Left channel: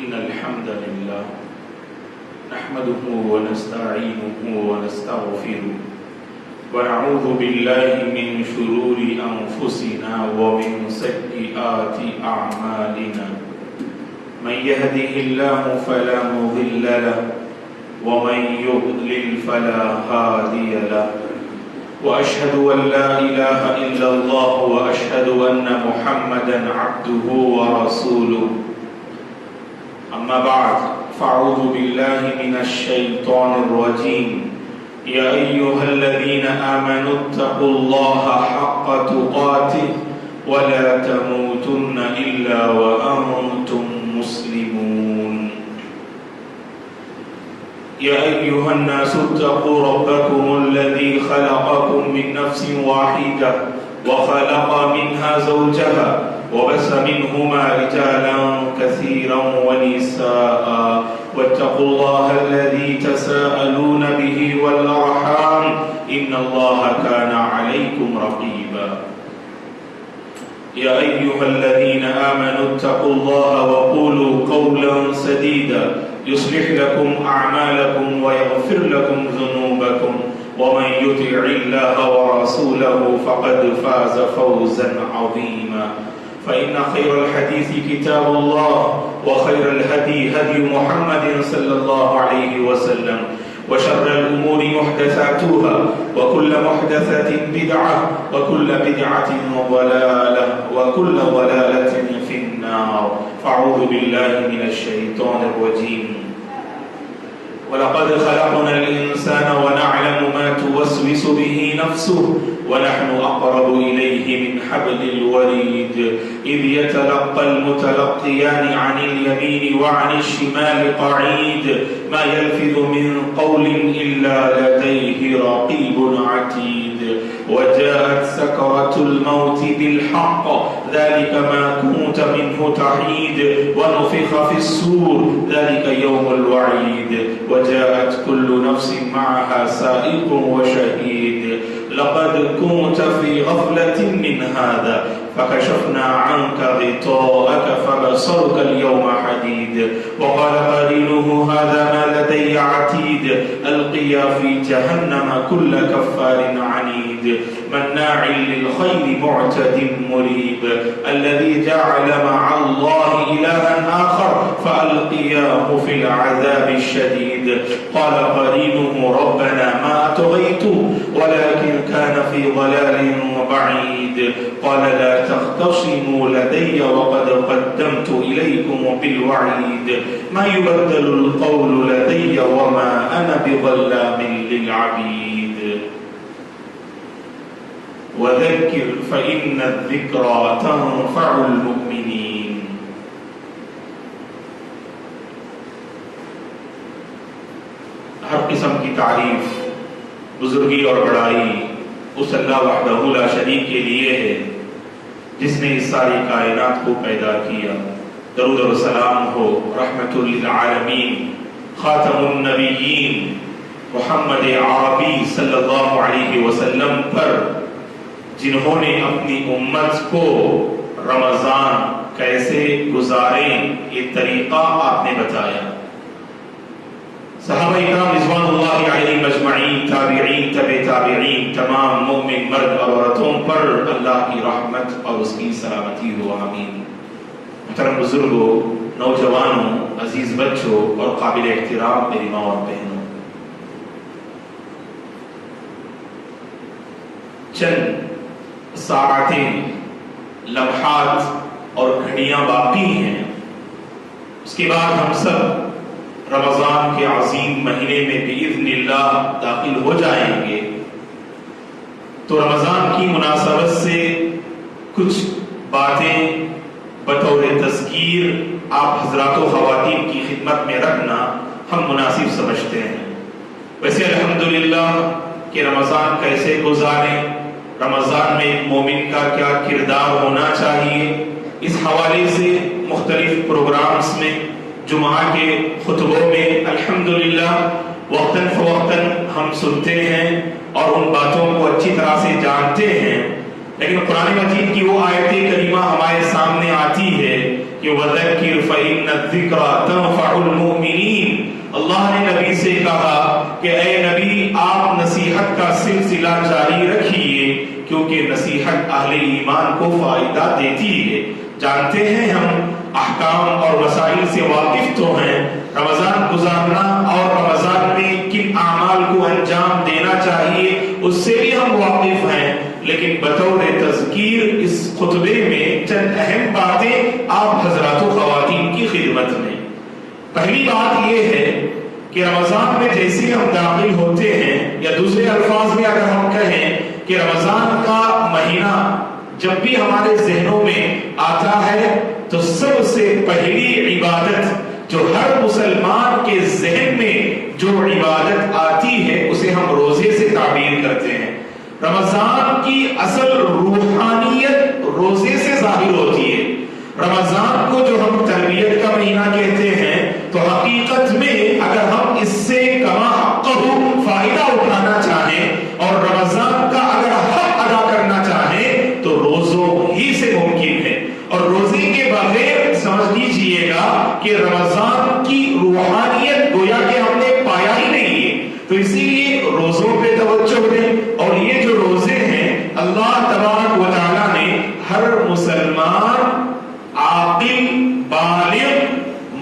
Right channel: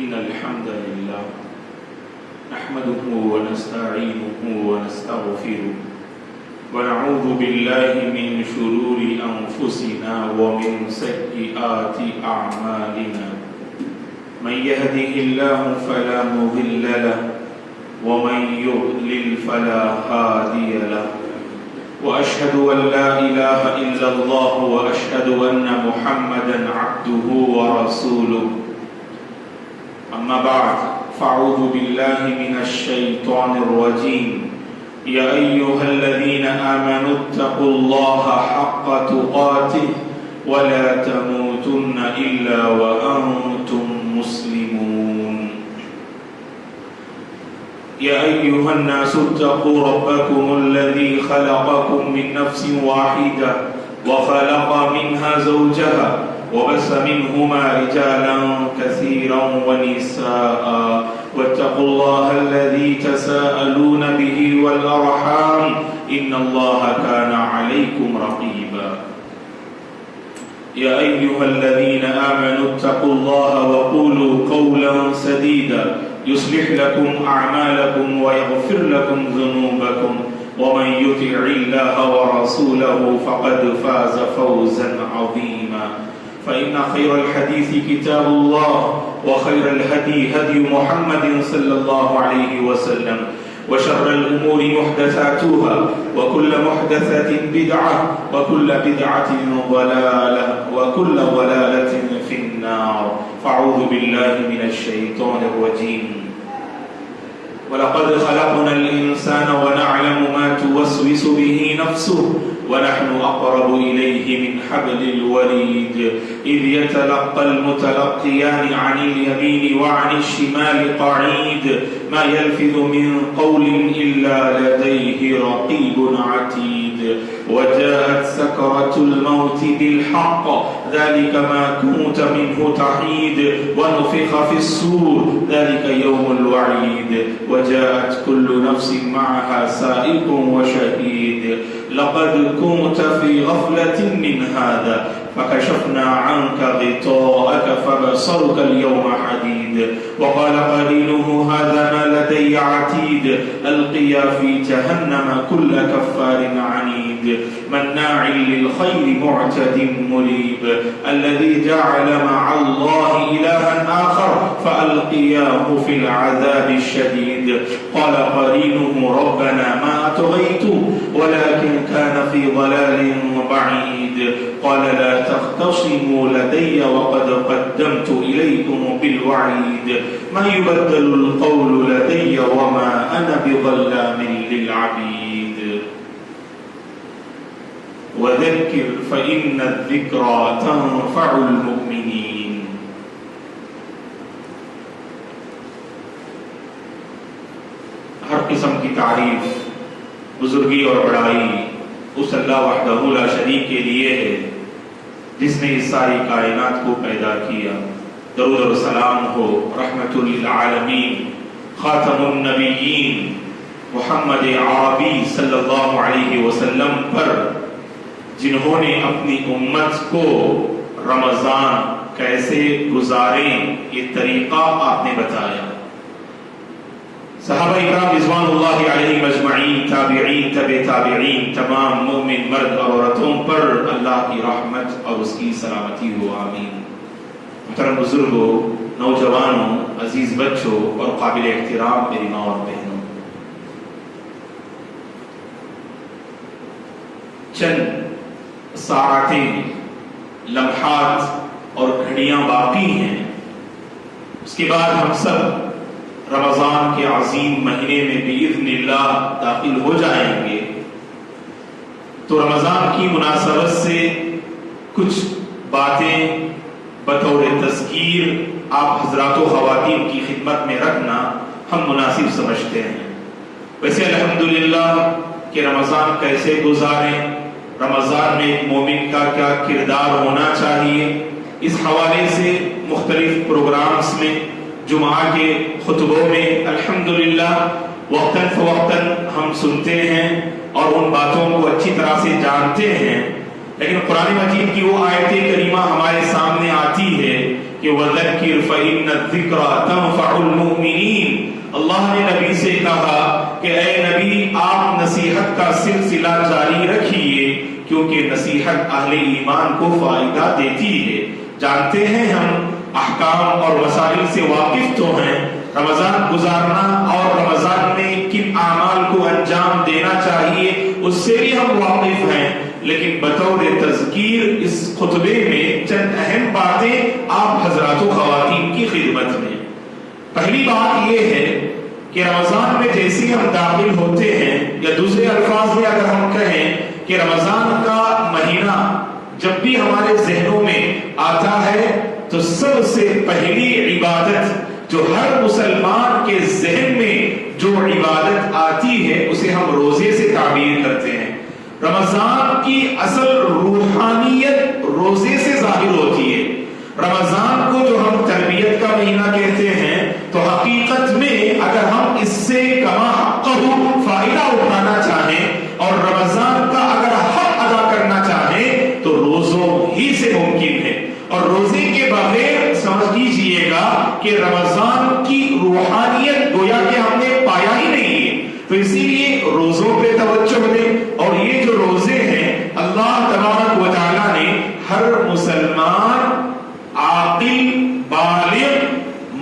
إن الحمد لله نحمده ونستعينه ونستغفره ونعوذ بالله من شرور أنفسنا ومن سيئات أعمالنا من يهده الله فلا مضل له ومن يضلل فلا هادي له وأشهد أن لا إله إلا الله وأشهد أن محمدا عبده ورسوله أما بعد فأعوذ بالله من الشيطان الرجيم يا أيها الذين آمنوا اتقوا الله حق تقاته ولا تموتن إلا وأنتم مسلمون يا أيها الناس اتقوا ربكم الذي خلقكم من نفس واحدة وخلق منها زوجها وبث منهما رجالا كثيرا ونساء واتقوا الله الذي تساءلون به والأرحام إن الله كان عليكم رقيبا يا أيها الذين آمنوا اتقوا الله وقولوا قولا سديدا يصلح لكم أعمالكم ويغفر لكم ذنوبكم ومن يطع الله ورسوله فقد فاز فوزا عظيما فإن خير الحديث كتاب الله وخير الهدي هدي محمد صلى الله عليه وسلم وشر الأمور محدثاتها وكل محدثة بدعة وكل بدعة ضلالة وكل ضلالة في النار فأعوذ بالله من الشيطان الرجيم ولقد خلقنا الإنسان ونعلم ما توسوس به نفسه ونحن أقرب إليه من حبل الوريد إذ يتلقى المتلقيان عن اليمين وعن الشمال قعيد ما يلفظ من قول إلا لديه رقيب عتيد وجاءت سكرة الموت بالحق ذلك ما كنت منه تحيد ونفخ في الصور ذلك يوم الوعيد وجاءت كل نفس معها سائق وشهيد لقد كنت في غفلة من هذا فكشفنا عنك غطاءك فبصرك اليوم حديد وقال قرينه هذا ما لدي عتيد ألقيا في جهنم كل كفار عنيد مناع للخير معتد مريب الذي جعل مع الله إلها آخر فألقياه في العذاب الشديد قال قرينه ربنا ما أطغيته ولكن كان في ضلال بعيد قال لا تختصموا لدي وقد قدمت إليكم بالوعيد ما يبدل القول لدي وما أنا بظلام للعبيد وذكر فإن الذكرى تنفع المؤمنين ہر قسم کی تعریف بزرگی اور بڑائی اس اللہ وحدہ لا شریک کے لیے ہے جس نے اس ساری کائنات کو پیدا کیا. درود و سلام ہو رحمت للعالمین خاتم النبیین محمد عربی صلی اللہ علیہ وسلم پر جنہوں نے اپنی امت کو رمضان کیسے گزاریں یہ طریقہ آپ نے بتایا. صحابہ اکرام رضوان اللہ علیہم اجمعین، تابعین، تبع تابعین، تمام مومن مرد اور عورتوں پر اللہ کی رحمت اور اس کی سلامتی ہو، آمین. محترم بزرگوں، نوجوانوں، عزیز بچوں اور قابل احترام میری ماں اور بہنوں، چند ساعتیں، لمحات اور گھڑیاں باقی ہیں، اس کے بعد ہم سب رمضان کے عظیم مہینے میں بإذن اللہ داخل ہو جائیں گے. تو رمضان کی مناسبت سے کچھ باتیں بطور تذکیر آپ حضرات و خواتین کی خدمت میں رکھنا ہم مناسب سمجھتے ہیں. ویسے الحمدللہ کہ رمضان کیسے گزاریں، رمضان میں ایک مومن کا کیا کردار ہونا چاہیے، اس حوالے سے مختلف پروگرامز میں، جمعہ کے خطبوں میں الحمدللہ وقتاً فوقتاً ہم سنتے ہیں اور ان باتوں کو اچھی طرح سے جانتے ہیں. لیکن قرآن مجید کی وہ آیت کریمہ ہمارے سامنے آتی ہے کہ وَذَكِّرْ فَإِنَّ الذِّكْرَ تَنفَعُ الْمُؤْمِنِينَ۔ اللہ نے نبی سے کہا کہ اے نبی آپ نصیحت کا سلسلہ جاری رکھیے، کیونکہ نصیحت اہل ایمان کو فائدہ دیتی ہے۔ جانتے ہیں ہم احکام اور وسائل سے واقف تو ہیں، رمضان گزارنا اور رمضان میں کن اعمال کو انجام دینا چاہیے اس سے بھی ہم واقف ہیں، لیکن بطور تذکیر اس خطبے میں چند اہم باتیں آپ حضرات و خواتین کی خدمت میں۔ پہلی بات یہ ہے کہ رمضان میں جیسے ہم داخل ہوتے ہیں، یا دوسرے الفاظ میں اگر ہم کہیں کہ رمضان کا مہینہ جب بھی ہمارے ذہنوں میں آتا ہے تو سب سے پہلی عبادت جو ہر مسلمان کے ذہن میں جو عبادت آتی ہے اسے ہم روزے سے تعبیر کرتے ہیں۔ رمضان کی اصل روحانیت روزے سے ظاہر ہوتی ہے۔ رمضان کو جو ہم تربیت کا مہینہ کہتے ہیں تو حقیقت میں اگر ہم اس سے کما حقہ فائدہ اٹھانا چاہیں اور رمضان کا اگر حق ادا کرنا چاہیں تو روزوں ہی سے ممکن ہے، اور روزے کے بغیر سمجھ لیجیے گا کہ رمضان کی روحانیت گویا کہ ہم نے پایا ہی نہیں ہے۔ تو اسی لیے روزوں پہ توجہ دیں، اور یہ جو روزے ہیں اللہ تبارک و تعالیٰ نے ہر مسلمان عاقل بالغ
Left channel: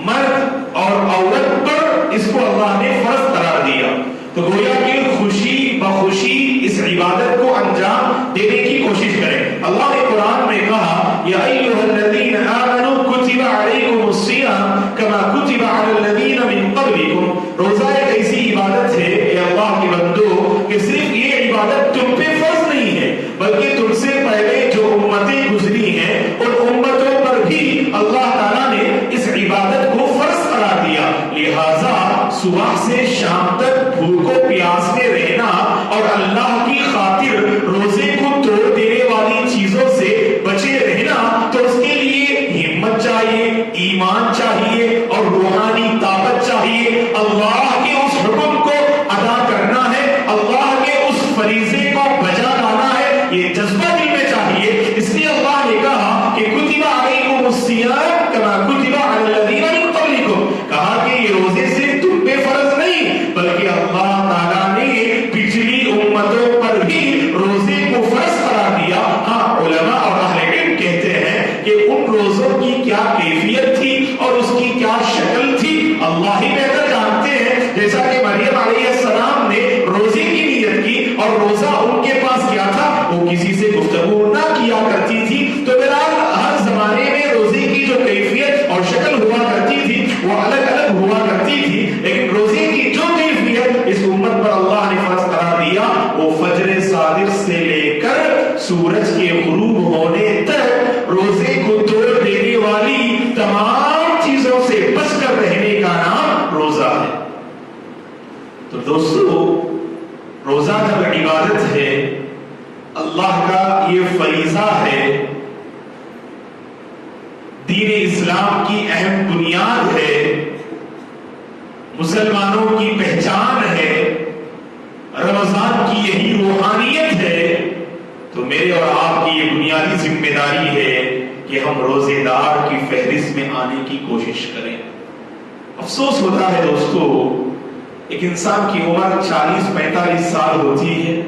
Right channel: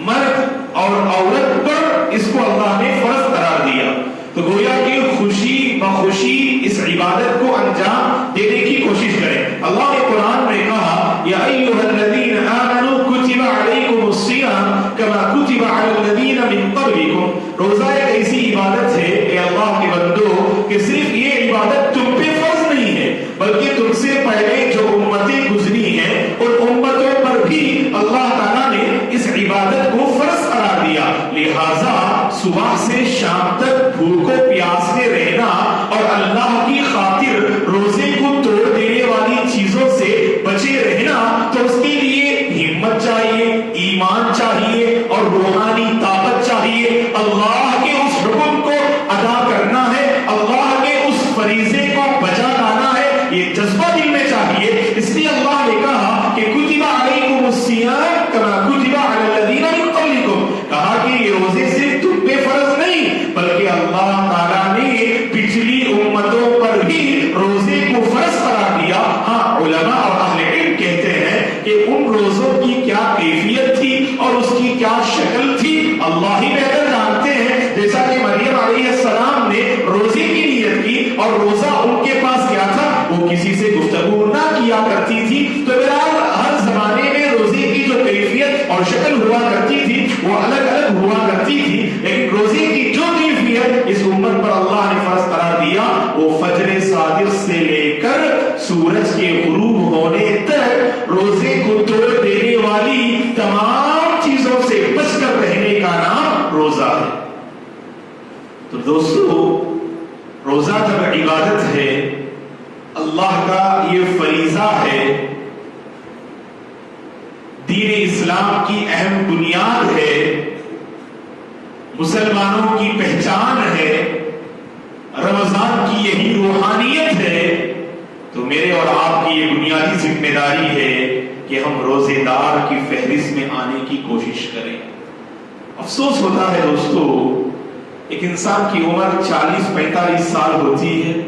مرد اور عورت پر اس کو اللہ نے فرض قرار دیا، تو گویا کہ خوشی بخوشی اس عبادت کو انجام دینے کی کوشش کریں۔ اللہ نے قرآن میں کہا یا ایھا الذین آمنوا کتب علیکم الصیام کما کتب علی الذین من قبلکم۔ روزہ ایک ایسی عبادت ہے اے اللہ کے بندو کہ صرف یہ عبادت تم پہ فرض نہیں ہے بلکہ تم سے پہلے جو امتیں گزری ہیں ان امتوں پر بھی اللہ تعالیٰ نے اس عبادت کو فرض قرار دیا، لہذا صبح سے شام تک بھوکو پیاسے رہنا اور اللہ کی خاطر روزے کو توڑ دینے والی چیزوں سے بچے رہنا، تو اس کے لیے ہمت چاہیے، ایمان چاہیے اور روحانی طاقت چاہیے۔ اللہ کے اس حکم کو ادا کرنا ہے، اللہ کے اس فریضے کو بجا لانا ہے، یہ جذبہ دل میں چاہیے۔ اس لیے اللہ نے کہا کہ کتب علیکم الصیام کما کتب علی الذین من قبلکم، کہا کہ یہ روزے صرف تم پہ فرض نہیں بلکہ اللہ تعالیٰ نے پچھلی امتوں پر بھی روزے کو فرض قرار دیا۔ ہاں علماء اور اہل علم کہتے ہیں کہ ان روزوں کی کیا کیفیت تھی اور اس کی کیا شکل تھی اللہ ہی بہتر جانتے ہیں۔ جیسا کہ مریم علیہ السلام نے روزے کی نیت کی اور روزہ ان کے پاس کیا تھا، وہ کسی سے گفتگو نہ کیا کرتی تھی، تو بہرحال ہر زمانے میں روزے کی جو کیفیت اور شکل ہوا کرتی تھی وہ الگ الگ ہوا کرتی تھی، لیکن روزے کی جو کیفیت اس امت پر اللہ نے فرض قرار دیا وہ فجر صادق سے لے کر سورج کے غروب ہونے تک روزے کو توڑ دینے والی تمام چیزوں سے بچ کر رہنے کا نام روزہ ہے۔ تو دوستو، روزہ جب عبادت ہے، اللہ کا یہ فریضہ ہے، دین اسلام کی اہم بنیاد ہے، مسلمانوں کی پہچان ہے، رمضان کی یہی روحانیت ہے، تو میرے اور آپ کی یہ بنیادی ذمہ داری ہے کہ ہم روزے دار کی فہرست میں آنے کی کوشش کریں۔ افسوس ہوتا ہے دوستو، ایک انسان کی عمر 40-45 سال ہوتی ہے،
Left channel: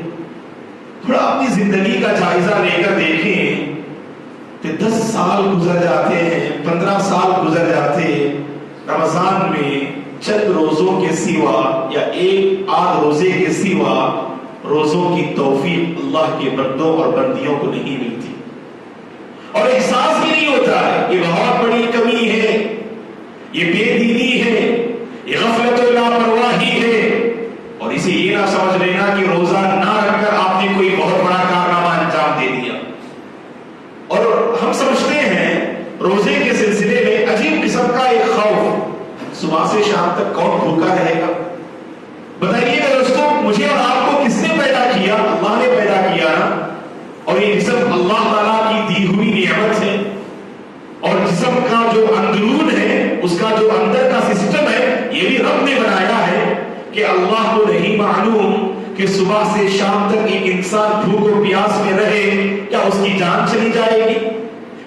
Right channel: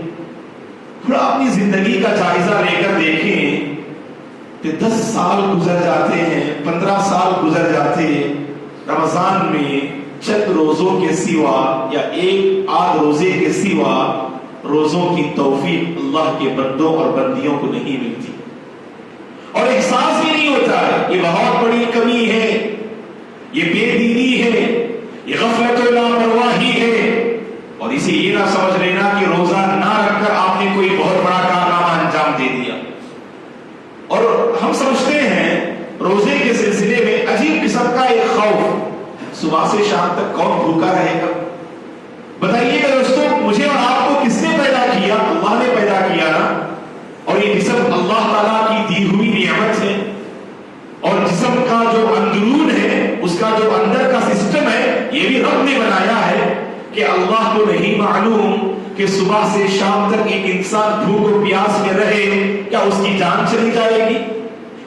تھوڑا اپنی زندگی کا جائزہ لے کر دیکھیں کہ 10 سال گزر جاتے ہیں، 15 سال گزر جاتے ہیں، رمضان میں چند روزوں کے سوا یا ایک آدھ روزے کے سوا روزوں کی توفیق اللہ کے بندوں اور بندیوں کو نہیں ملتی، اور احساس بھی نہیں ہوتا ہے۔ یہ بہت بڑی کمی ہے، یہ بے دینی ہے، یہ غفلت و لاپرواہی ہے، اور اسے یہ نہ سمجھ لینا کہ روزہ نہ رکھ کر آپ نے کوئی بہت بڑا کارنامہ انجام دے دیا۔ اور ہم سمجھتے ہیں روزے کے سلسلے میں عجیب قسم کا ایک خوف، صبح سے شام تک کون بھوکا رہے گا؟ بتائیے گا دوستوں، مجھے اور آپ کو کس نے پیدا کیا؟ اللہ نے پیدا کیا نا، اور یہ جسم اللہ تعالیٰ کی دی ہوئی نعمت ہے، اور جسم کا جو اندرون ہے، اس کا جو اندر کا سسٹم ہے، یہ بھی رب نے بنایا ہے کہ اللہ کو نہیں معلوم کہ صبح سے شام تک ایک انسان بھوک اور پیاس میں رہے، کیا اس کی جان چلی جائے گی؟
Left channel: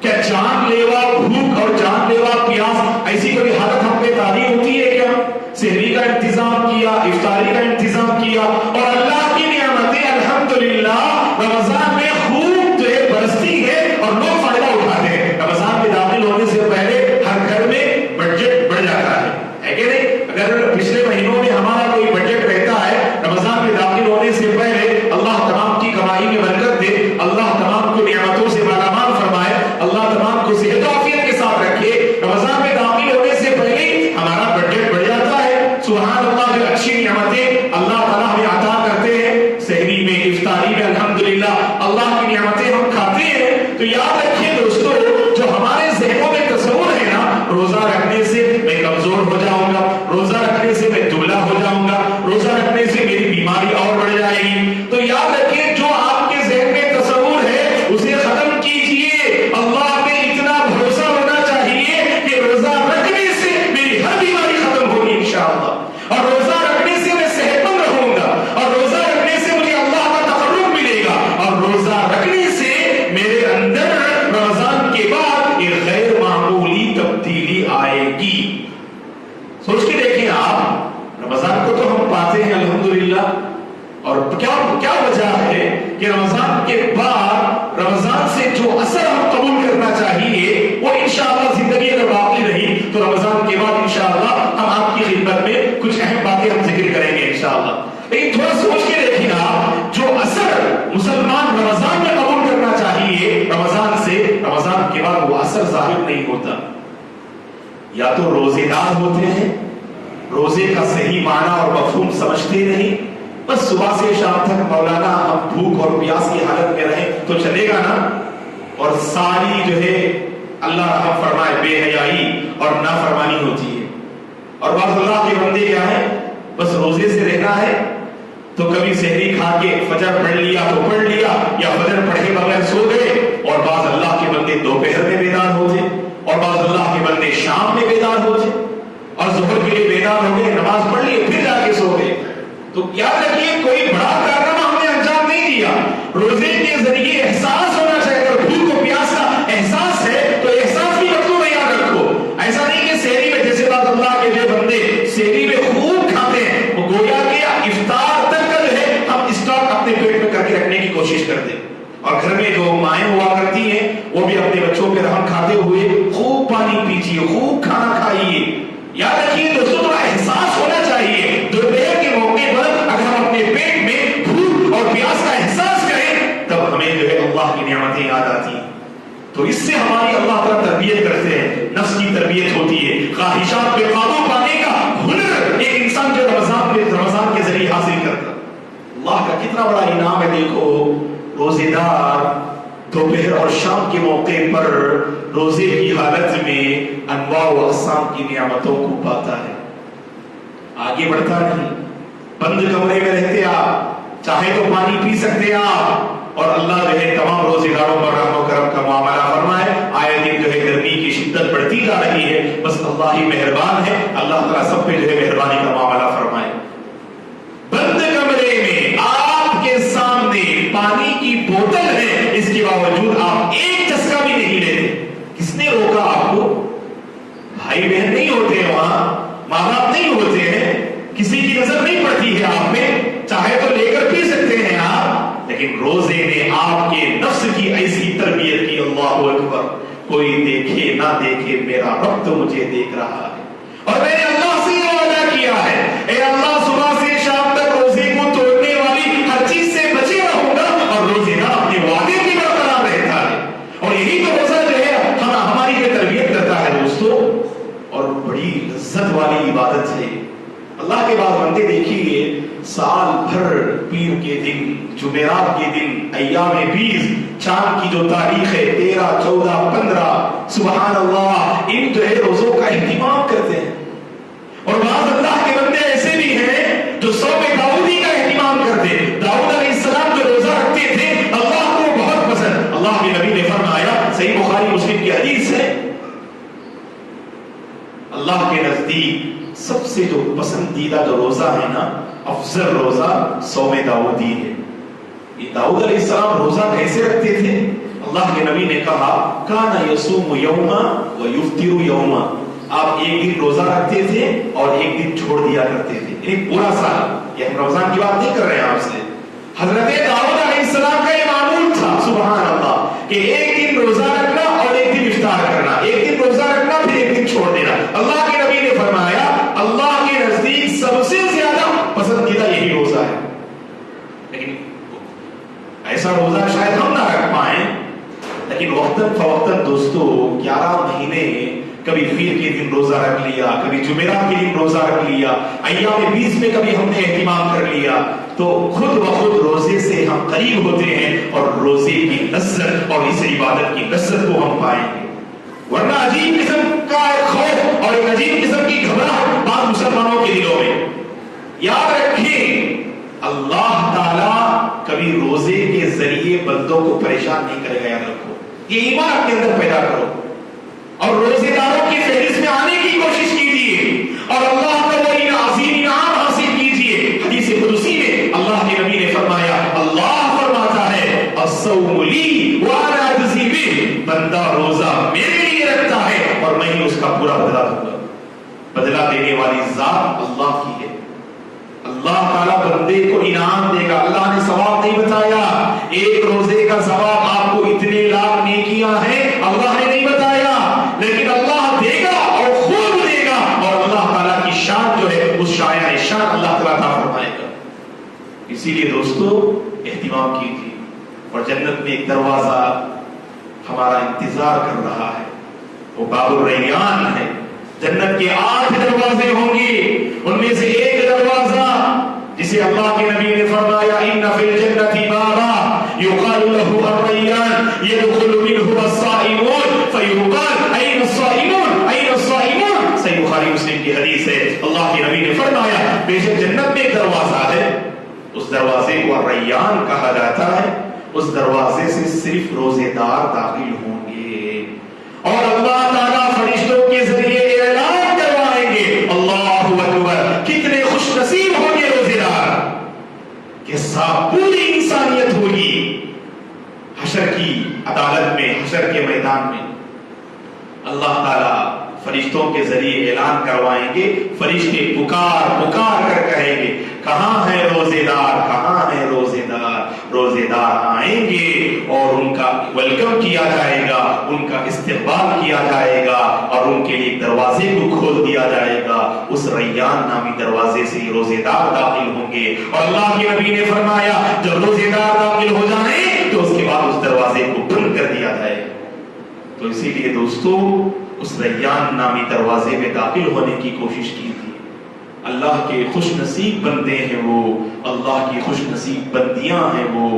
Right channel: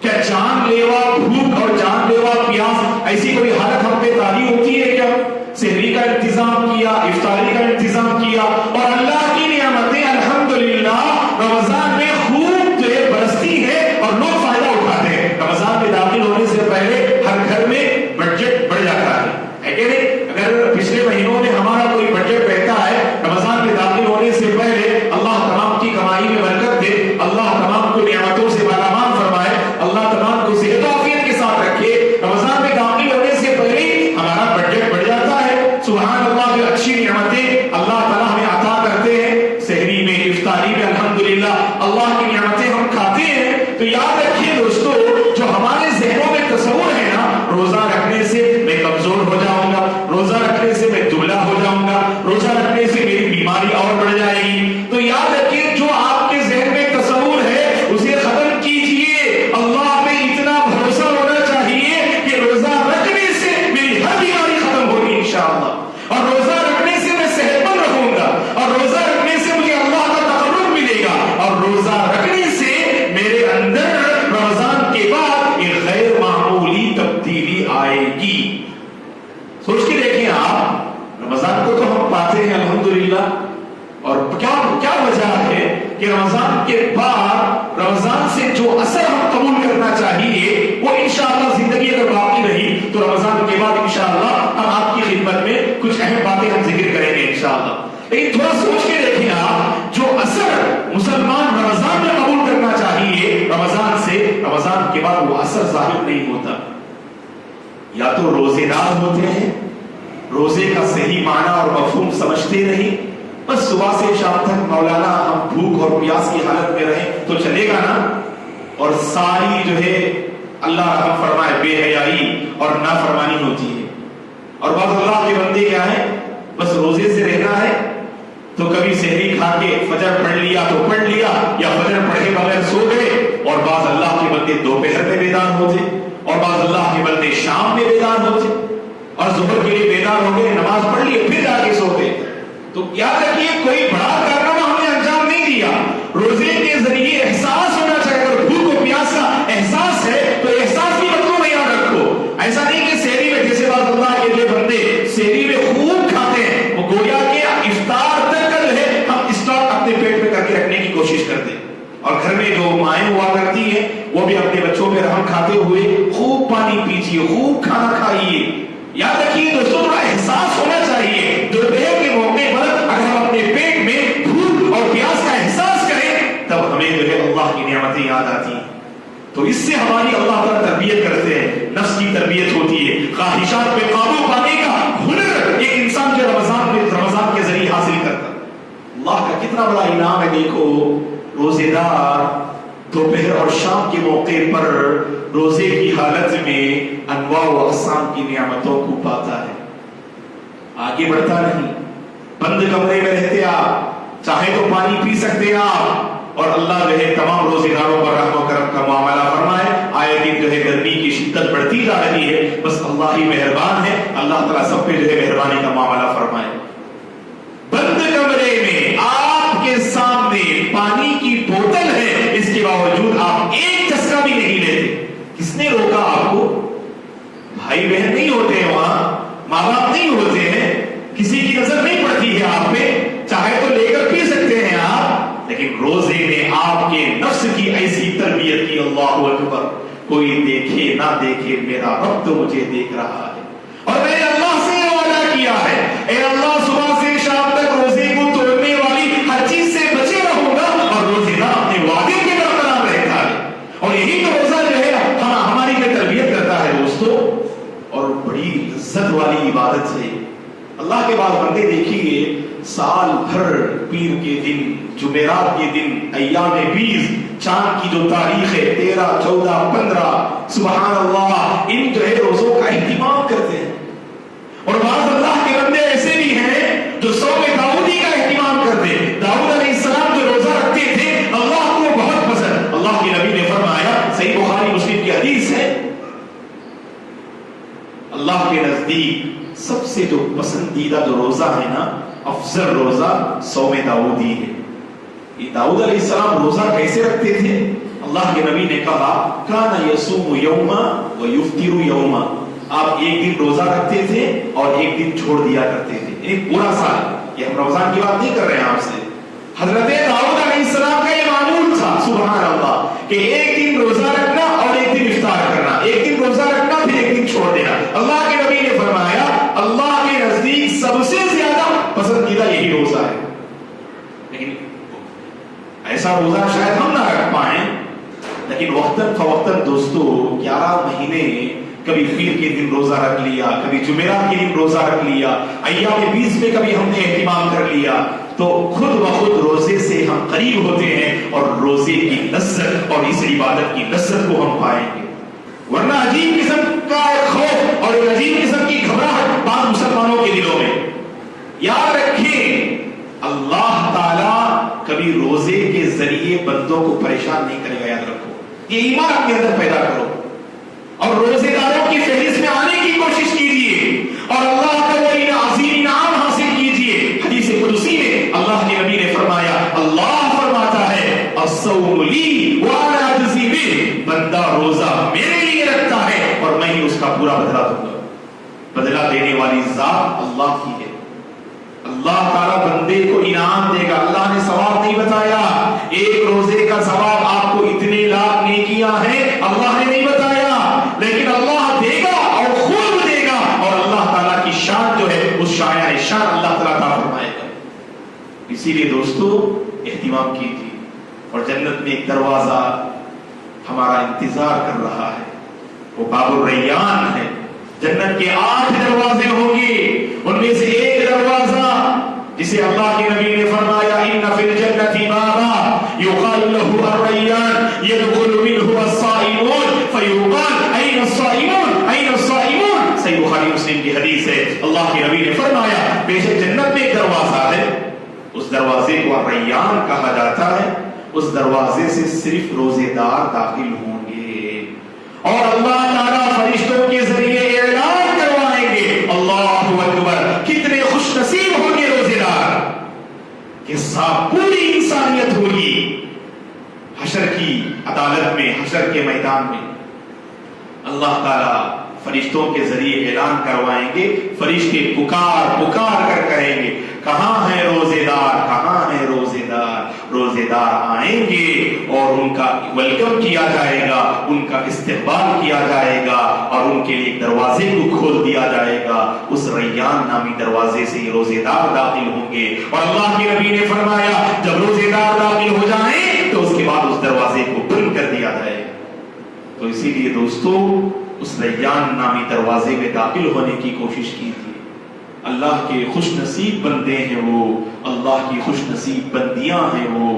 کیا جان لیوا بھوک اور جان لیوا پیاس ایسی کوئی حالت ہم پہ طاری ہوتی ہے کیا؟ سحری کا انتظام کیا، افطاری کا انتظام کیا، اور اللہ کی نعمتیں الحمدللہ رمضان میں خوب برستی ہے اور لوگ فائدہ اٹھاتے ہیں۔ رمضان میں داخل ہونے سے پہلے ہر گھر میں بجٹ بڑھ جاتا ہے کہ نہیں؟ اگر پچھلے مہینوں میں ہمارا کوئی بجٹ رہتا ہے، رمضان میں داخل ہونے سے پہلے اللہ تمام کی کمائی میں برکت دے، اللہ تمام کو نعمتوں سے مالامال فرمائے، اللہ تمام کو صحت و عافیت کے ساتھ رکھے، رمضان میں داخل ہونے سے پہلے ہمارا بجٹ بڑھ جاتا ہے۔ سبحان اللہ، جو اچھی نعمتیں اللہ تعالیٰ ہمیں عطا کرتے ہیں، سحری میں، افطاری میں، الحمدللہ اللہ کی نعمتیں ہم کھاتے ہیں، تو یاد رکھیے دوستو، جو ہمارے ذہنوں میں تصور ہے نا، روزہ رکھنے سے میں کمزور ہو جاؤں گا، روزہ رکھنے سے میں دبلا ہو جاؤں گا، روزہ رکھنے سے میری بیماری اور بڑھ جائے گی، تو یاد رکھیے جو آپ کے ذہن میں تصور ہے اسے ختم کیجئے۔ اللہ پہ اتنا بھروسہ ہونا چاہیے کہ روزہ رکھنے سے میری ہر بیماری ختم ہوگی انشاءاللہ، اور روزہ رکھنے سے میں صحت مند رہوں گا، اور روزہ رکھنے سے مجھے اللہ کا تقرب ملے گا، اور روزہ رکھنے سے میرے اندر رمضان کے بعد ایک غیر معمولی تبدیلی آئے گی۔ سوچ کے دیکھیں آپ، رمضان کو تو ہم پاتے ہیں الحمدللہ، اور کیا وجہ ہے کہ رمضان کے بعد رمضان سے جو اثر ہم قبول کرنا چاہیے وہ انشاءاللہ زندگی اگر باقی رہی تو رمضان کے بعد انشاءاللہ ہم آپ کی خدمت میں کچھ اہم باتیں ہم ذکر کریں گے انشاءاللہ۔ لیکن تھوڑا سوچ کے دیکھیں آپ، جو اثر مسلمان رمضان میں قبول کرنا چاہیے رمضان سے، رمضان کے بعد وہ اثر ظاہر نہیں ہوتا۔ یا تو روزے دار ہوتے ہیں، روزے کا صحیح معنی اور مفہوم سمجھتے نہیں، بس صبح سے شام تک مولانا ہم بھوک اور پیاس کی حالت میں رہیں تو چلے گا نا، اور ساری جو ہے اللہ رحم فرمائے بے حیائی اور نافرمانی ہوتی ہے۔ اور بعض اللہ کے بندے کیا ہیں، بس روزے سے رہنا ہے تو کبھی سحری کھا کے فجر پڑھ لیا تو پڑھ لیا، یا فجر پڑھے بغیر سو گئے، اور بعض اللہ کے بندے دوپہر میں بیدار ہوتے، اور بعض اللہ کے بندے شام میں بیدار ہوتے، اور ظہر کے لیے بیدار ہو گئے، نماز پڑھ لیے، پھر جا کے سو گئے۔ تو یاد رکھیے کوئی بڑا کارنامہ ہم نے انجام نہیں دیا، روزے کے ذریعے احساس ہونا چاہیے۔ اگر بھوک و پیاس کا احساس ہے تو احساس کی وقتوں میں یاد رکھو، ایسا نہیں کہ سحری میں، جیسے بعض اللہ کے جو بندے سحری میں خوب کھاتے ہیں، وہ گویا کہ افطار تک کا جو ہے ہم اسٹاک اپنے پیٹ میں کر کے رکھنے کی کوشش کرتے ہیں، اور گھر میں جو مائیں ہوا کرتی ہیں وہ بھی اپنے بچوں پہ رحم کھاتے ہوئے خوب پانی پیجیے، خوب کھانا کھائیے۔ یاد رکھیے دوستوں، تھوڑا احساس ہونا چاہیے، دوپہر کے موقع پر اگر ہم اپنے پیٹ میں بھوک اور پیاس کا احساس کریں تب ہمیں جو ہے اللہ کی نعمتیں یاد آتی ہیں، تو اس سے ہماری اللہ تعالیٰ تربیت کرتے ہیں، نفس کی تربیت ہوتی ہے، خواہشات پہ قابو پانے کا ہنر ایک انسان جو رمضان کے ذریعے حاصل کرتا ہے۔ اللہ کا کتنا بڑا انعام ہے، دیکھو روزے دار دوپہر اور شام کے موقع پر روزے کی حالت میں انواع و اقسام کی نعمتوں کو پاتا ہے، آگے بڑھتا نہیں، بند کمرے میں رہتے آپ، چاہے تو پانی پی سکتے آپ، اور اللہ جو ہے تمام روزے داروں پر رحم و کرم کا معاملہ فرمائے۔ آئے دن جو ہے گرمی کی شدت بڑھتی جا رہی ہے، بس اللہ ہی مہربان ہے، اللہ تعالیٰ سب پہ جو ہے مہربانی کا معاملہ فرمائے۔ بند کمرے میں آپ کے سامنے پانی کی بوتل ہے، اس کے باوجود آپ ایک چسکا بھی نہیں لیتے، کس نے روکا آپ کو؟ بھائی بہن نہیں ہوتے ہیں وہاں، ماں باپ نہیں ہوتے ہیں، کسی کی نظر نہیں پڑتی ہے آپ پہ، چاہے تو لے کر پی سکتے ہیں آپ، لیکن روزے نے آپ کے نفس کی ایسی تربیت کی، اللہ اکبر، کوئی دیکھے نہ دیکھے میرا رب تو مجھے دیکھ رہا ہے، اور میں نے اللہ سے یہ وعدہ کیا ہے، اے اللہ صبح سے شام تک روزے کو توڑنے والی ہر چیز سے بچے رہوں گا، اور روزے نہ اپنے وعدے کے برقرار رہتا ہے، اور یہی تو روزہ جو ہے ہماری جو تربیت کرتا ہے دوستو، اور بڑی عزت والی عبادت ہے۔ اللہ کے بعد بندے دیکھیے، سال بھر پیر کے دن، جمعرات کے دن، ایام 20، چاند کی جو تاریخ ہے 13، 14، 15، سبحان اللہ، ان جو ہے روزوں کا اہتمام کرتے ہیں، اور بعض اللہ کے بندے ایسے بھی ہیں جو صوم داؤدی کا اہتمام کرتے ہیں۔ داؤد علیہ السلام جو روزہ رکھتے تھے اللہ کو بہت پسند، اللہ کے نبی نے فرمایا، صحیح بخاری مسلم کی حدیث ہے، اللہ کے نزدیک سب سے جو پسندیدہ جو روزہ ہے نا افضل روزہ صوم داؤدی ہے. یہ داؤد علیہ السلام روزہ کیسے رکھتے تھے؟ اللہ کے نبی نے کہا کان یصوم یوما ویفطر یوما. آپ ایک دن روزہ رکھتے تھے اور ایک دن چھوڑ دیا کرتے تھے، یعنی پورا سال. یہ ہم رمضان کی بات نہیں کر رہے ہیں آپ سے. حضرت داؤد علیہ السلام کا یہ معمول تھا سبحان اللہ کہ ایک دن روزہ رکھنا اور ایک دن افطار کرنا، ایک دن روزہ رکھنا پھر ایک دن چھوڑ دینا. اللہ کے نبی نے فرمایا اللہ کے نزدیک سب سے زیادہ پسندیدہ یہی روزہ ہے. لیکن ایسا روزہ شاید ہم نہ رکھ پائیں، لیکن وقتاً فوقتاً دوستو 11 مہینے کبھی پیر کے دن روزہ رکھ لیا، کبھی جمعرات کے دن روزہ رکھ لیا، ایام 20 میں کبھی ہم نے اہتمام کر لیا، تو خود بخود روزے سے ہم قریب ہوتے ہیں اور روزے کی لذت اور اس عبادت کی لذت کو ہم پائیں گے. ورنہ عجیب قسم کا ایک خوف اور ایک عجیب قسم کی گھبراہٹ بعض مسلمانوں کے دلوں میں. یاد رکھیں اللہ تعالیٰ کبھی روزے کے ذریعے بندوں کو پریشان نہیں کرے گا. یاد رکھو، یہ ایمان اپنے اندر پیدا کرو اور روزے داروں کی فہرست میں آنے کی کوشش کیجیے اور اللہ کا وہ عظیم انعام حاصل کیجیے. حدیث قدسی میں اللہ کے نبی نے فرمایا، اللہ فرماتا ہے الصوم لی وانا اجزی بہ. بندہ روزہ میرے لیے رکھتا ہے اور میں ہی اس کا پورا بدلہ دوں گا. بدلہ دینے والی ذات اللہ کی ہے. اللہ تعالیٰ بندے کو انعام دے گا. اللہ نے ثواب نہیں بتایا ایک روزے کا ثواب آپ کو اتنے لاکھ نیکیاں ہیں، اللہ نے نہیں بتایا، لیکن اللہ دے گا اور خوب دے گا. اور اللہ تعالیٰ کی شان جو ہے اس شایان شان اللہ تعالیٰ فرمائے گا. اسی لیے دوستو اہتمام کیجیے. اور جنت میں ایک دروازہ ہمارا انتظار کر رہا ہے، وہ باب الریان ہے. جنت کے 8 دروازے ہوں گے، ان میں سے ایک دروازہ جسے اللہ کے نبی نے فرمایا ان فی الجنۃ بابا یقال له الریان يدخل منه الصائمون فیقال این الصائمون این الصائمون. صحیح بخاری مسلم کی حدیث ہے. اللہ کے نبی نے فرمایا بے شک جنت میں ایک دروازہ ہے، اس دروازے کو الریان کہا جاتا ہے. اس دروازے سے صرف روزے دار داخل ہوں گے اور اللہ تعالیٰ فرشتوں کے ذریعے اعلان کروائیں گے اللہ اکبر. کتنے خوش نصیب ہوں گے روزے دار کہ ساتھ پوری انسانیت ہوگی حشر کی عدالت میں، حشر کے میدان میں. اللہ تعالیٰ فرشتوں کے ذریعے اعلان کروائیں گے. فرشتے پکار پکار کر کہیں گے کہاں ہے روزے دار، کہاں ہے روزے دار. روزے دار آئیں گے اور ان کا ویلکم کیا جائے گا، ان کا استقبال کیا جائے گا اور ان کے لیے دروازے کو کھول دیا جائے گا. اس ریان نامی دروازے سے روزے دار داخل ہوں گے. اور اللہ کے نبی نے فرمایا جب روزے دار داخل ہو جائیں تو اس کے بعد اس دروازے کو بند کر دیا جائے گا. تو اسی لیے دوستو اس ریان نامی دروازے میں داخل ہونے کی کوشش کیجیے. اللہ کے خوش نصیب بندے ہیں وہ، اللہ کی خوش نصیب بندیاں ہیں وہ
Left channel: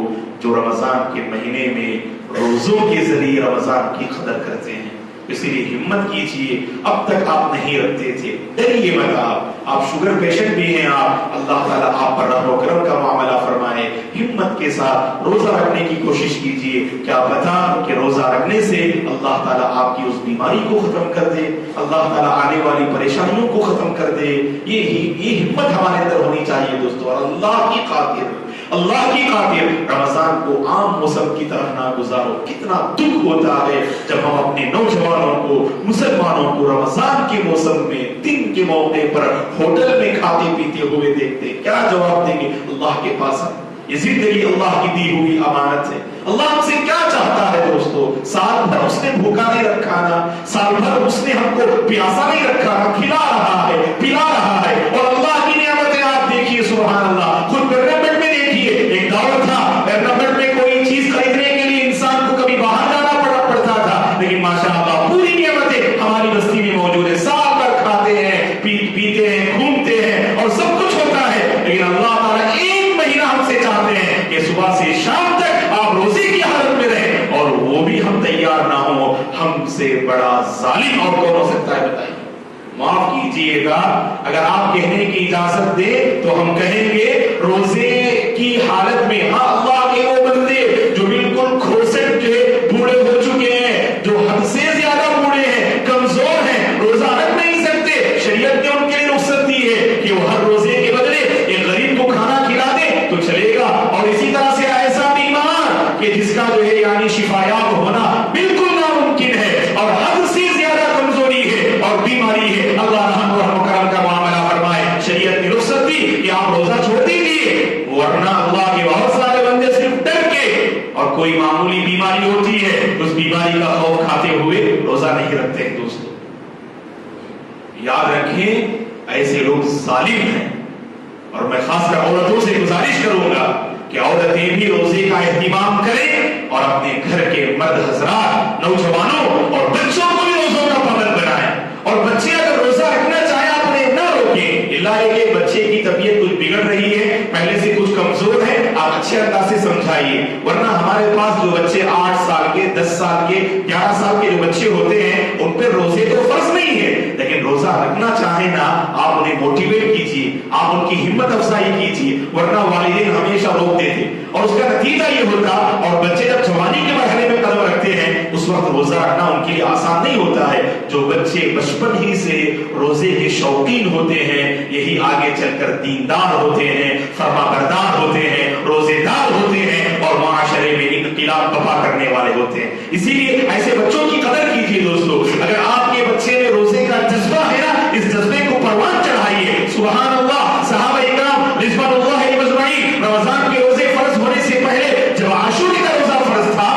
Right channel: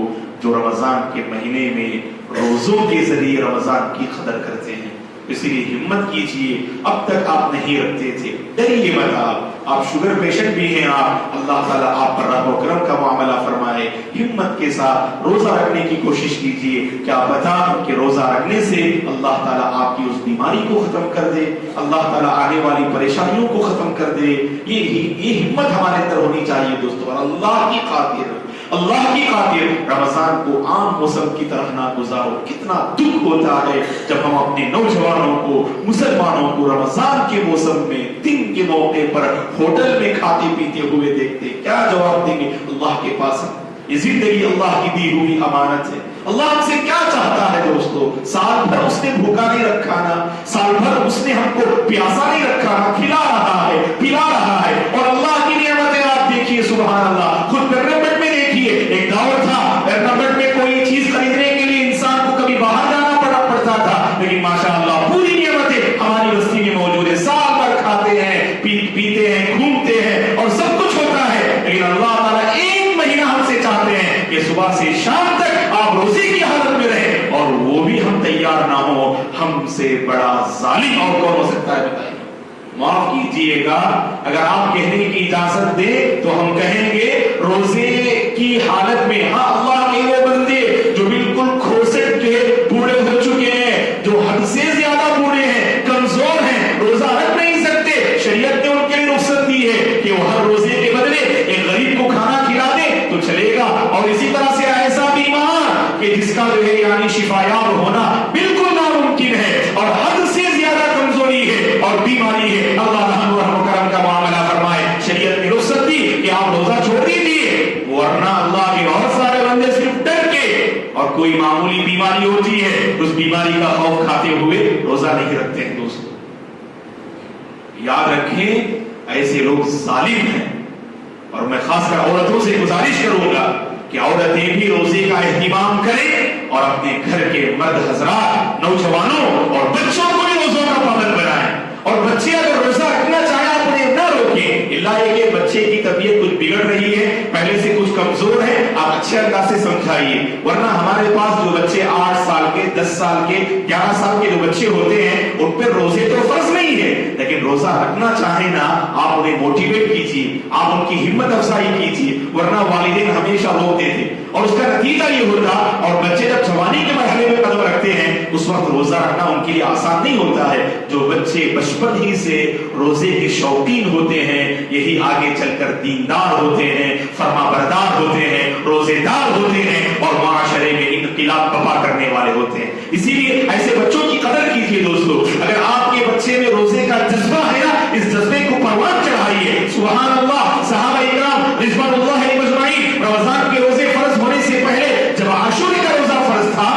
جو رمضان کے مہینے میں روزوں کے ذریعے رمضان کی قدر کرتے ہیں. اسی لیے ہمت کیجیے. اب تک آپ نہیں رکھتے تھے، ڈریے مت. آپ شوگر پیشنٹ بھی ہیں، آپ اللہ تعالیٰ آپ پر رحم و کرم کا معاملہ فرمائے. ہمت کے ساتھ روزہ رکھنے کی کوشش کیجیے. کیا پتا کہ روزہ رکھنے سے اللہ تعالیٰ آپ کی اس بیماری کو ختم کر دے، اللہ تعالیٰ آنے والی پریشانیوں کو ختم کر دے. یہ ہمت ہمارے اندر ہونی چاہیے دوستو. اور اللہ کی خاطر رمضان کو عام موسم کی طرح نہ گزارو. کتنا دکھ ہوتا ہے جب ہم اپنے نوجوانوں کو، مسلمانوں کو رمضان کے موسم میں دن کے موقع پر ہوٹل میں کھاتے پیتے ہوئے دیکھتے. کیا جواب دیں گے اللہ کے پاس؟ یہ زندگی اللہ کی دی ہوئی امانت ہے. اللہ ہم سے کیا چاہتا ہے دوستو؟ سال بھر اس نے بھوکا نہیں رکھا نا، سال بھر اس نے ہم کو پیاسا نہیں رکھا نا، کھلا رہا ہے، پلا رہا ہے. اور اللہ کی نعمتیں آپ دیکھیے سبحان اللہ. خود پیرمنٹ میں دیکھیے، ایک دور تھا پیرمنٹ میں کوئی چیز خریدنے کے لیے انسان کو کبھی باہر جانا پڑتا تھا، لیکن ماشاء اللہ پوری نعمتیں ہماری بستی میں موجود ہے. سال بھر کھاتے ہیں، پیتے ہیں، گھومتے ہیں اور سب کچھ ہوتا ہے. لیکن اللہ تعالیٰ ایک مہینہ ہم سے چاہتے ہیں کہ صبح سے شام تک آپ روزے کی حالت میں رہیں، اور وہ بھی ہم تیار نہ ہو. ہم سے بڑا ظالم اور کون ہو سکتا ہے بتائیے؟ معاف کیجیے گا اگر آپ کہنے کی اجازت دے تو ہم کہیں گے روزے کی حالت میں ہاں اللہ کے وہ بندے جو بالکل کھوسٹ کے بوڑھے ہو چکے ہیں، جو حد سے زیادہ بوڑھے ہیں، کمزور ہیں، روزہ رکھ نہیں سکتے، شریعت نے ان کے لیے رخصت دی ہے کہ وہ ہر روزے کے بدلے ایک غریب کو شریعت نے رخصت دی کہ آپ روزہ چھوڑ دیجیے، ورنہ اللہ کے بہت سارے بندے صرف ڈر کے اور کوئی معمولی بیماری ہوتی ہے اس بیماری کا خوف کھاتے ہوئے روزہ نہیں رکھتے ہیں۔ دوستو یاد رکھیں ایسے لوگ ظالم ہیں، اور میں خاص کر عورتوں سے گزارش کروں گا کہ عورتیں بھی روزے کا اہتمام کریں اور اپنے گھر کے مرد حضرات، نوجوانوں اور بچوں کو بھی روزوں کا پابند بنائیں۔ اور بچے اگر روزہ رکھنا چاہیں آپ انہیں نہ روکیں، اللہ یہ کہ بچے کی طبیعت کچھ بگڑ رہی ہے، پہلے سے کچھ کمزور ہے، آپ اچھے انداز سے سمجھائیے، ورنہ ہمارے پاس جو بچے 8 سال کے، 10 سال کے، 11 سال کے جو بچے ہوتے ہیں ان پہ روزے تو فرض نہیں ہے، لیکن روزہ رکھنا چاہیں نا آپ انہیں موٹیویٹ کیجیے، آپ ان کی ہمت افزائی کیجیے، ورنہ والدین ہمیشہ روک دیتے اور اس کا نتیجہ یہ ہوتا، اور بچے جب جوانی کے مرحلے میں قدم رکھتے ہیں اس وقت روزہ رکھنا ان کے لیے آسان نہیں ہوتا ہے۔ جو بچے بچپن ہی سے روزے کے شوقین ہوتے ہیں یہی آگے چل کر دیندار ہوتے ہیں، فرما بردار ہوتے ہیں، روزے دار ہوتے ہیں اور معاشرے میں انقلاب برپا کرنے والے ہوتے ہیں۔ اسی لیے ایسے بچوں کی قدر کیجیے دوستو، اگر آپ کے بچے میں روزے کا جذبہ ہے نا اس جذبے کو پروان چڑھائیے۔ سبحان اللہ، صحابہ اکرام رضوان اللہ علیہم اجمعین رمضان کے روزے فرض ہونے سے پہلے جب عاشورے کا روزہ فرض تھا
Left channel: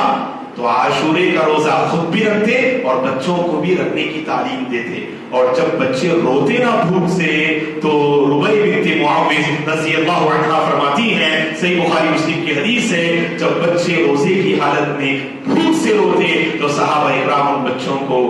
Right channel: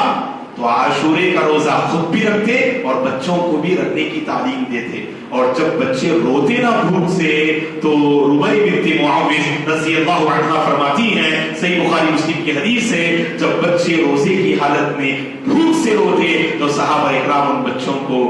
تو عاشورے کا روزہ خود بھی رکھتے اور بچوں کو بھی رکھنے کی تعلیم دیتے، اور جب بچے روتے نا بھوک سے تو ربیع بنت معاوض رضی اللہ عنہا فرماتی ہیں، صحیح بخاری مسلم کی حدیث ہے، جب بچے روزے کی حالت میں بھوک سے روتے تو صحابہ اکرام ان بچوں کو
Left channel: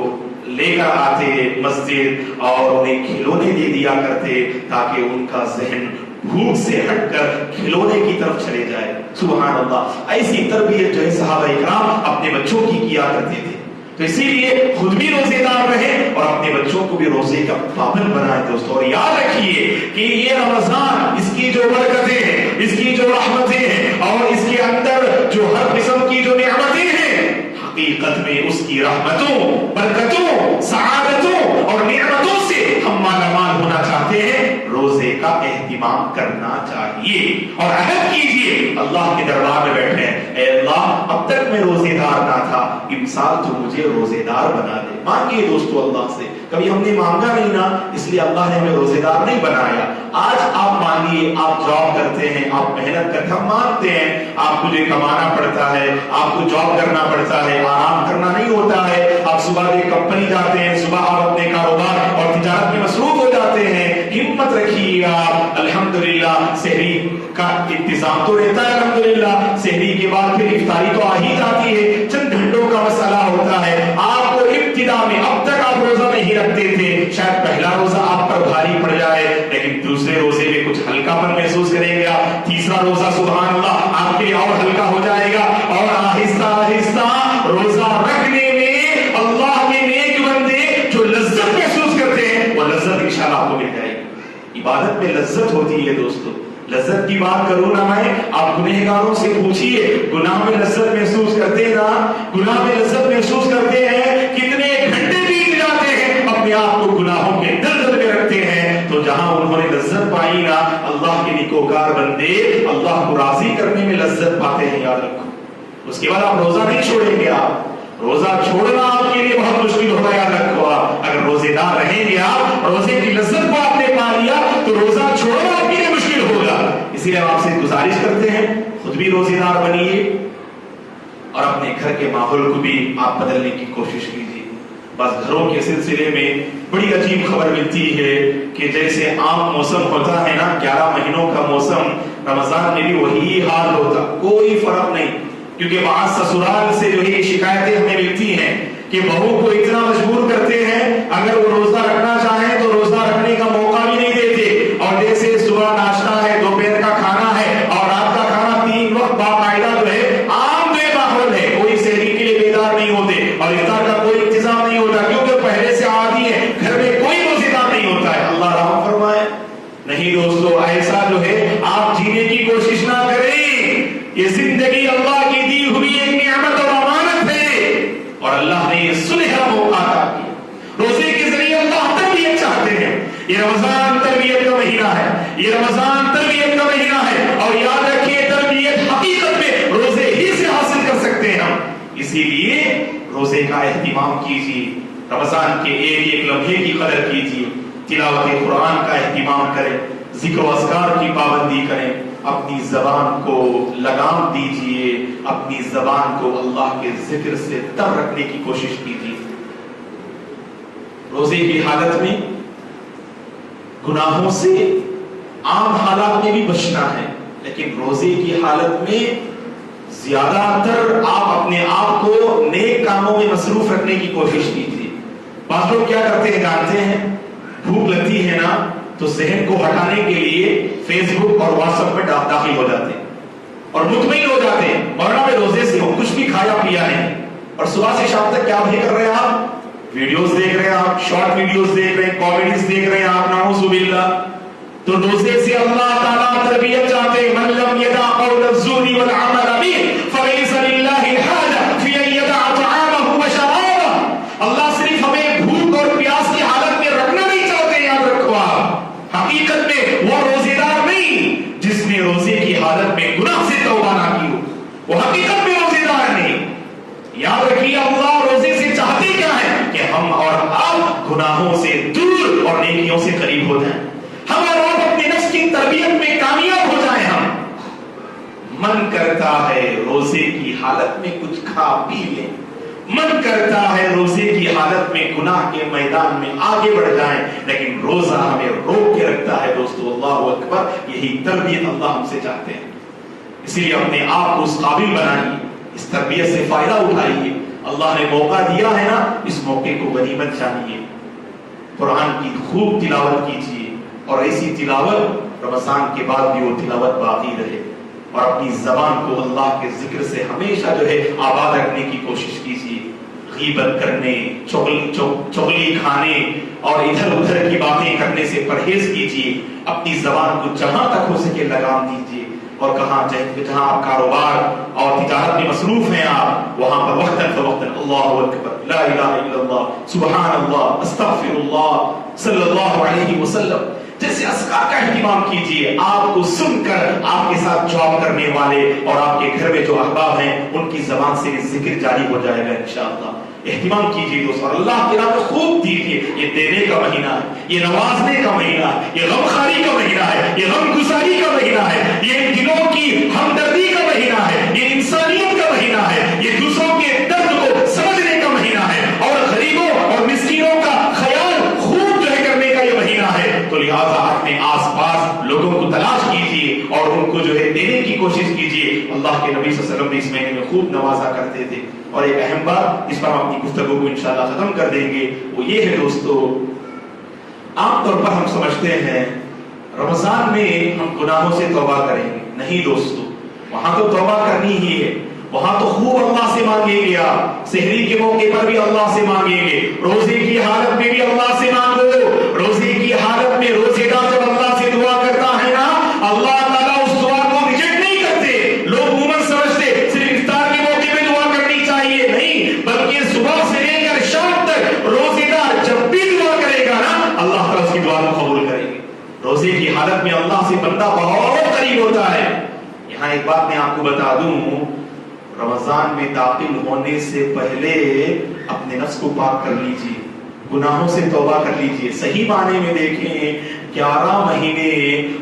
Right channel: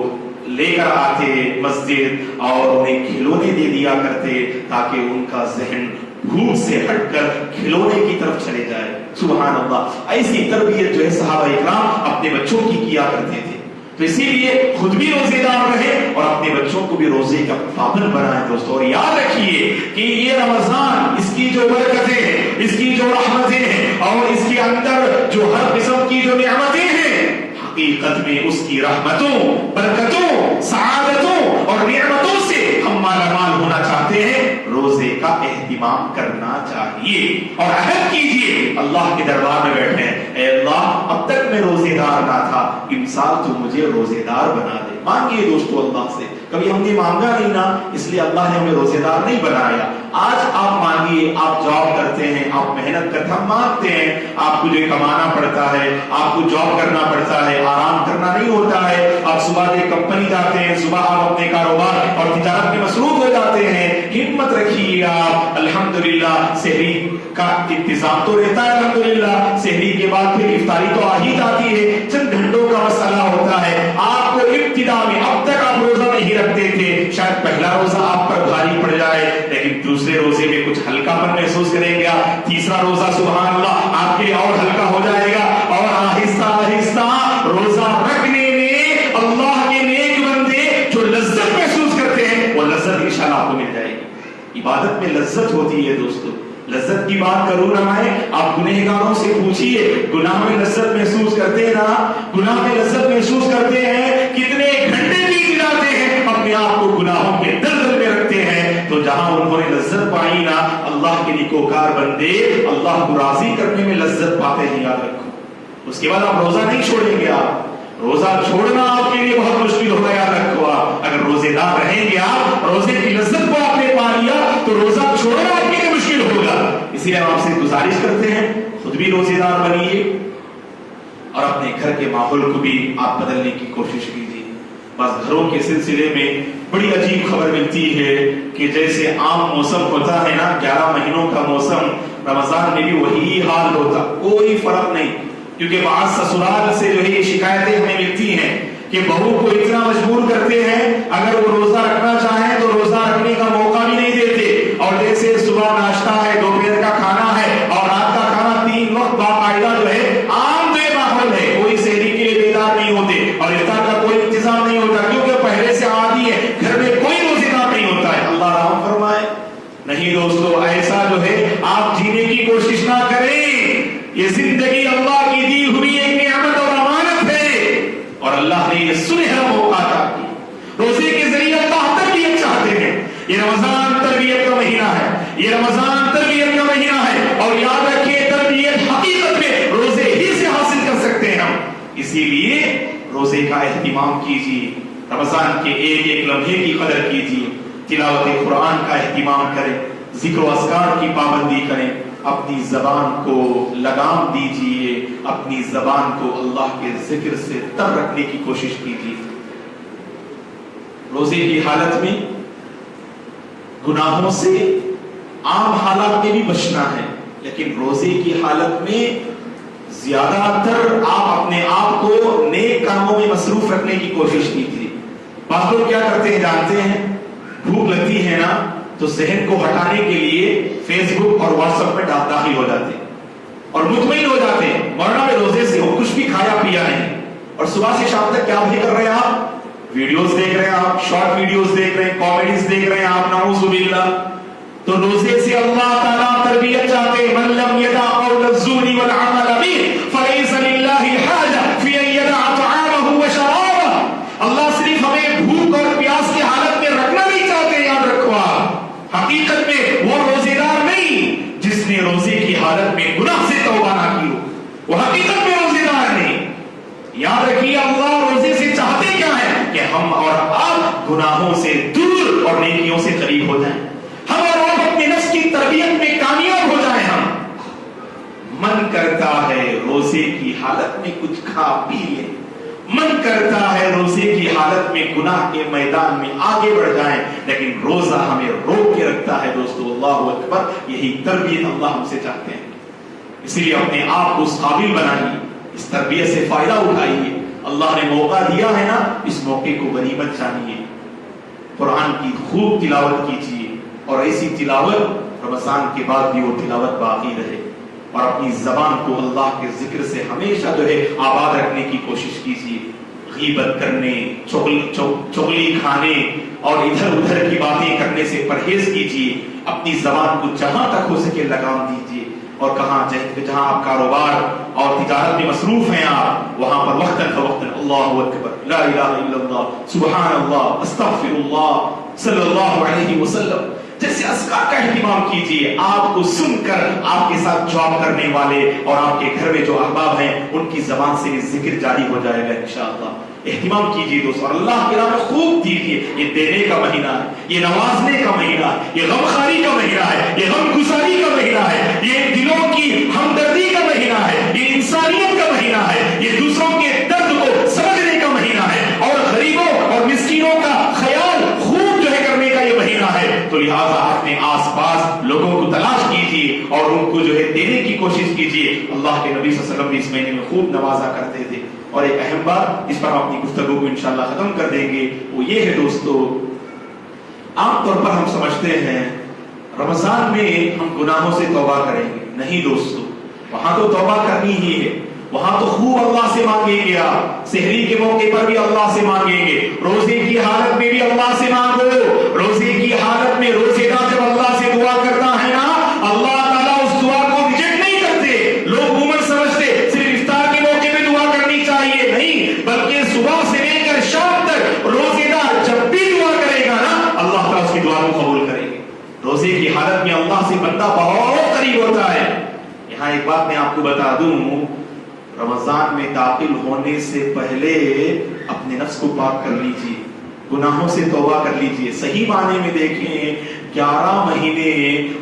لے کر آتے مسجد اور انہیں کھلونے دے دیا کرتے تاکہ ان کا ذہن بھوک سے ہٹ کر کھلونے کی طرف چلے جائے۔ سبحان اللہ، ایسی تربیت جو ہے صحابہ اکرام اپنے بچوں کی کیا کرتے تھے، تو اسی لیے خود بھی روزے دار رہیں اور اپنے بچوں کو بھی روزے کا پابند بنائیں دوستو۔ اور یاد رکھیے کہ یہ رمضان، اس کی جو برکتیں ہیں، اس کی جو رحمتیں ہیں اور اس کے اندر جو ہر قسم کی جو نعمتیں ہیں، حقیقت میں اس کی رحمتوں، برکتوں، سعادتوں اور نعمتوں سے ہم مالا مال ہونا چاہتے ہیں، روزے کا اہتمام کرنا چاہیے اور عہد کیجیے اللہ کے دربار میں بیٹھے، اے اللہ اب تک میں روزے دار نہ تھا، امسال تو مجھے روزے دار بنا دے۔ مانگیے دوستو اللہ سے، کبھی ہم نے مانگا نہیں نا اس لیے اللہ نے ہمیں روزے دار نہیں بنایا، آج آپ مانگیے، آپ جاب کرتے ہیں، آپ محنت کرتے ہیں، ہم مانگتے ہیں، آپ کو جو کمانا پڑتا ہے، آپ کو جاب کرنا پڑتا ہے، آرام کرنا نہیں ہوتا ہے، آپ صبح ایک کمپنی جاتے ہیں، صبح آپ اپنے کاروبار اور تجارت میں مصروف ہو جاتے ہیں، ہمت رکھیے آپ، الحمدللہ سحری کا انتظام تو رہتا ہے، الحمدللہ سحری کے بعد پھر افطاری تو آ ہی جاتی ہے، چند گھنٹوں کا مسئلہ ہوتا ہے۔ آپ کو ابتدا میں اب تک آپ روزہ نہیں رکھتے تھے، شاید پہلا روزہ آپ پر بھاری پڑ جائے لیکن دوسرے روزے میں کچھ ہلکا پن محسوس کریں گے آپ، تیسرا روزہ سبحان اللہ آپ کے لیے اور ہلکا ہو جائے گا، اور آہستہ آہستہ روزہ رکھنے میں اللہ کے نیک بندے جو لذت محسوس کرتے ہیں وہ لذت انشاءاللہ آپ کو مل جائے گی۔ عبادت میں لذت ہوتی ہے دوستو، لذت کی بات کروں نہ میں، آپ گنہگاروں سے پوچھیے گناہ میں لذت محسوس کرتے ہیں نا، گناہ میں لذت محسوس کرتے ہیں، کتنے گھنٹے بیت جاتے ہیں اپنے آپ کو گناہوں کے دلدل میں رکھتے ہیں، تو جہاں انہوں نے لذت پائی نا اللہ کے نیکوکار بندے اللہ کو راضی کرنے میں لذت پاتے ہیں، یاد رکھو۔ اس کے بعد آپ روزہ نہیں چھوڑیں گے، آپ روزہ چھوڑنا آپ کے لیے بہت مشکل ہوگا، یاد رکھو آپ اگر روزے دار رہیں گے، آپ روزے کی لذت کو آپ نے پا لیا تو روزہ چھوڑنا آپ کے لیے مشکل ہوگا۔ اسی لیے ہم آپ سے گزارش کرتے ہیں خود بھی روزے دار بنیے اور اپنے گھر کے ماحول کو بھی آپ بدلنے کی کوشش کیجیے۔ بس گھروں کے سلسلے میں بڑی عجیب خبر ملتی ہے کہ جیسے عام موسم ہوتا ہے نا 11 مہینوں کا موسم، رمضان میں بھی وہی حال ہوتا، کوئی فرق نہیں، کیونکہ بعض سسرال سے جو ہے یہ شکایتیں ہمیں ملتی ہیں کہ بہو کو اتنا مجبور کرتے ہیں اگر وہ روزہ رکھنا چاہیں تو روزہ رکھنے کا موقع بھی نہیں دیتے، اور جیسے صبح ناشتہ ہے، دوپہر کا کھانا ہے اور رات کا کھانا 3 وقت باقاعدہ جو ہے عام بے ماحول ہے، کوئی سحری کے لیے بیدار نہیں ہوتے اور افطار کا کوئی انتظام نہیں ہوتا کیونکہ پہلے سے عادی ہے، گھر میں کوئی روزے دار نہیں ہوتا ہے۔ اللہ رحم فرمائے۔ نہیں دوستو، ایسا جو ہے آپ جینے کی کوشش نہ کریں، یہ زندگی اللہ کی دی ہوئی ایک نعمت اور امانت ہے اور اللہ نے یہ سنہرا موقع عطا کیا، روزے کے ذریعے اللہ تربیت چاہتے ہیں۔ یہ رمضان تربیت کا مہینہ ہے، یہ رمضان تربیت کا مہینہ ہے، اور یاد رکھیے تربیت حقیقت میں روزے ہی سے حاصل کر سکتے ہیں ہم، اسی لیے روزے کا اہتمام کیجیے، رمضان کے ایک ایک لمحے کی قدر کیجیے، تلاوت قرآن کا اہتمام کریں، ذکر و اذکار کی پابندی کریں، اپنی زبان کو لگام دیجیے، اپنی زبان کو اللہ کے ذکر سے تر رکھنے کی کوشش کیجیے۔ روزے کی حالت میں گناہوں سے عام حالات میں بھی بچنا ہے، لیکن روزے کی حالت میں زیادہ تر آپ اپنے آپ کو نیک کاموں میں مصروف رکھنے کی کوشش کیجیے۔ بعض لوگ کیا کرتے ہیں جانتے ہیں؟ بھوک لگتی ہے نا تو ذہن کو ہٹانے کے لیے فیس بک اور واٹس ایپ پہ داخل ہو جاتے ہیں اور مطمئن ہو جاتے ہیں مولانا میں روزے سے ہو، کچھ بھی کھایا پیا نہیں، اور صبح سے شام تک کیا بھی کر رہے ہیں آپ؟ ویڈیوز دیکھ رہے ہیں، آپ شارٹ ویڈیوز دیکھ رہے ہیں، کامیڈیز دیکھ رہے ہیں آپ، نعوذ باللہ۔ تو روزے سے اللہ تعالیٰ تربیت چاہتے ہیں، من لم يدع قول الزور والعمل به فليس لله حاجة في ان يدع طعامه وشرابه۔ اللہ صرف ہمیں بھوک اور پیاس کی حالت میں رکھنا نہیں چاہتے، یاد رکھو آپ، حقیقت میں وہ روزے دار نہیں جس نے روزے کی حالت میں گناہ سے توبہ نہ کی ہو، وہ حقیقت میں روزے دار نہیں۔ یاد رکھیے اللہ روزے سے چاہتے کیا ہے؟ کہ ہم اور آپ گناہوں سے دور اور نیکیوں سے قریب ہو جائیں، ہم اور آپ اپنے نفس کی تربیت میں کامیاب ہو جائیں۔ ہم من کرتا ہے روزے کی حالت میں کچھ کھا پی لیں، من کرتا ہے روزے کی حالت میں گناہ کے میدان میں آگے بڑھ جائیں، لیکن روزہ ہمیں روک کے رکھتا ہے دوستو۔ اللہ اکبر، یہی تربیت اللہ ہم سے چاہتے ہیں، اس لیے اپنے آپ کو اس قابل بنائیے، اس تربیت سے فائدہ اٹھائیے۔ اللہ نے موقع دیا ہے نا، اس موقع کو غنیمت جانیے، قرآن کی خوب تلاوت کیجیے، اور ایسی تلاوت رمضان کے بعد بھی وہ تلاوت باقی رہے، اور اپنی زبان کو اللہ کے ذکر سے ہمیشہ جو ہے آباد رکھنے کی کوشش کیجیے۔ غیبت کرنے، چغلی کھانے اور ادھر ادھر کی باتیں کرنے سے پرہیز کیجیے، اپنی زبان کو جہاں تک ہو سکے لگام دیجیے، اور جہاں آپ کاروبار اور تجارت میں مصروف ہیں آپ، وہاں پر وقتاً فوقتاً اللہ اکبر، لا الہ الا اللہ، سبحان اللہ، استغفر اللہ، صلی اللہ علیہ وسلم جیسے اذکار کا اہتمام کیجیے۔ آپ کو سن کر آپ کے ساتھ جاب کرنے والے اور آپ کے گھر میں جو احباب ہیں ان کی زبان سے یہ ذکر جاری ہو جائے گا انشاءاللہ۔ اہتمام کیجیے دوستو، اللہ کی راہ میں خوب دیجیے۔ یہ دینے کا مہینہ ہے، یہ نوازنے کا مہینہ ہے، یہ غمخواری کا مہینہ ہے، یہ غم گساری کا مہینہ ہے، یہ دلوں کی ہمدردی کا مہینہ ہے، یہ انسانیت کا مہینہ ہے، یہ دوسروں کے درد کو سمجھنے کا مہینہ ہے، اور غریبوں اور مسکینوں کا خیال خوب جو ہے کرنے کا یہ مہینہ ہے۔ تو لہٰذا اپنے آس پاس لوگوں کو تلاش کیجیے اور ان کو جو ہے دینے کی کوشش کیجیے۔ اللہ کے نبی صلی اللہ علیہ وسلم بھی اس مہینے میں خوب نوازا کرتے تھے۔ اور ایک اہم بات، اس پر ہم اپنی گفتگو کو انشاءاللہ ختم کر دیں گے، وہ یہ ہے دوستو، عام طور پر ہم سمجھتے ہیں رمضان میں ہم گناہوں سے توبہ کریں گے، نہیں دوستو، وہاں تو توبہ کرنی ہی ہے، وہاں تو خوب اللہ سے مانگیں گے، آپ سحری کے موقع پر بھی اللہ سے مانگیں گے، روزے کی حالت میں بھی اللہ سے مانگو۔ روزے کی حالت میں روزے دار جب اللہ سے دعا کرتا ہے نا، اللہ تعالیٰ اس دعا کو ریجیکٹ نہیں کرتے۔ لوگ عموماً سمجھتے صرف افطار کے موقع میں دعا کرنی چاہیے، نہیں، بلکہ صبح سے لے کر شام تک روزے دار جب بھی دعا کرے گا نا، اللہ تعالیٰ اس کی دعا کو قبول کریں گے۔ روزے کی حالت میں اللہ سے بندہ بہت قریب ہوتا ہے۔ یہاں ایک بات میں آپ کو بتا دوں، رمضان میں داخل ہونے سے پہلے اپنے نفس کو پاک کر لیجیے، گناہوں سے توبہ کر لیجیے۔ صحیح معنی میں دیکھیں 11 مہینے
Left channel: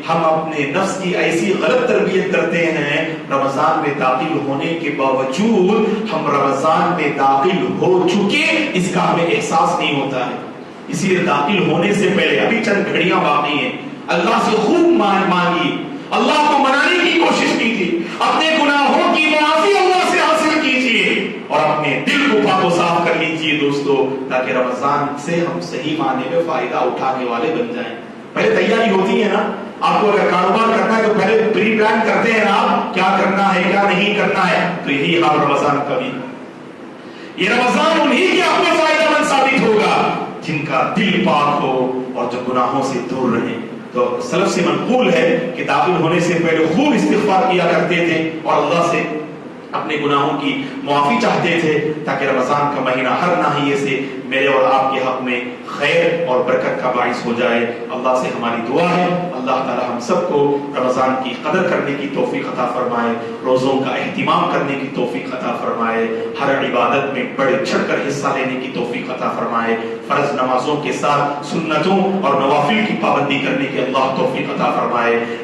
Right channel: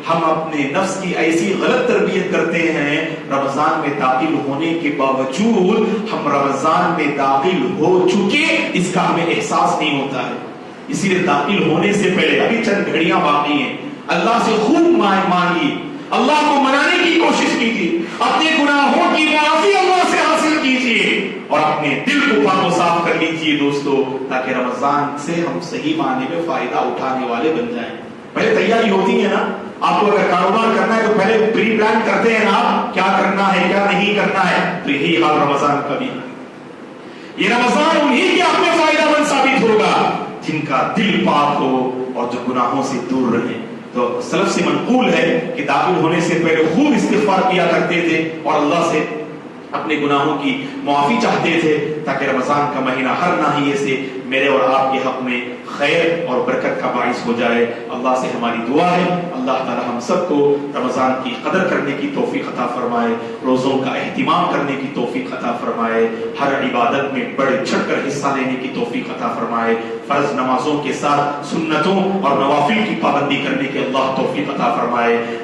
ہم اپنے نفس کی ایسی غلط تربیت کرتے ہیں، رمضان میں داخل ہونے کے باوجود ہم رمضان میں داخل ہو چکے اس کا ہمیں احساس نہیں ہوتا ہے۔ اسی لیے داخل ہونے سے پہلے ابھی چند گھڑیاں باقی ہیں، اللہ سے خوب مانگیے، اللہ کو منانے کی کوشش کیجیے، اپنے گناہوں کی معافی اللہ سے حاصل کیجیے، اور اپنے دل کو پاک و صاف کر لیجیے دوستو، تاکہ رمضان سے ہم صحیح معنی میں فائدہ اٹھانے والے بن جائیں۔ پہلے تیاری ہوتی ہے نا، آپ کو اگر کاروبار کرنا ہے تو پہلے پری پلان کرتے ہیں آپ، کیا کرنا ہے کیا نہیں کرنا ہے، تو یہی حال رمضان کا بھی۔ یہ رمضان انہی کے آپ میں فائدہ مند ثابت ہوگا جن کا دل پاک ہو اور جو گناہوں سے دور رہے۔ تو سلف سے منقول ہے کہ داخل ہونے سے پہلے خوب استغفار کیا کرتے تھے اور اللہ سے اپنے گناہوں کی معافی چاہتے تھے، تاکہ رمضان کا مہینہ ہر ناحیے سے میرے اور آپ کے حق میں خیر اور برکت کا باعث ہو جائے۔ اللہ سے ہماری دعا ہے اللہ تعالی ہم سب کو رمضان کی قدر کرنے کی توفیق عطا فرمائے، روزوں کا اہتمام کرنے کی توفیق عطا فرمائے، ہر عبادت میں بڑھ چڑھ کر حصہ لینے کی توفیق عطا فرمائے، فرض نمازوں کے ساتھ سنتوں اور نوافل کی پابندی کرنے کے اللہ توفیق عطا فرمائے۔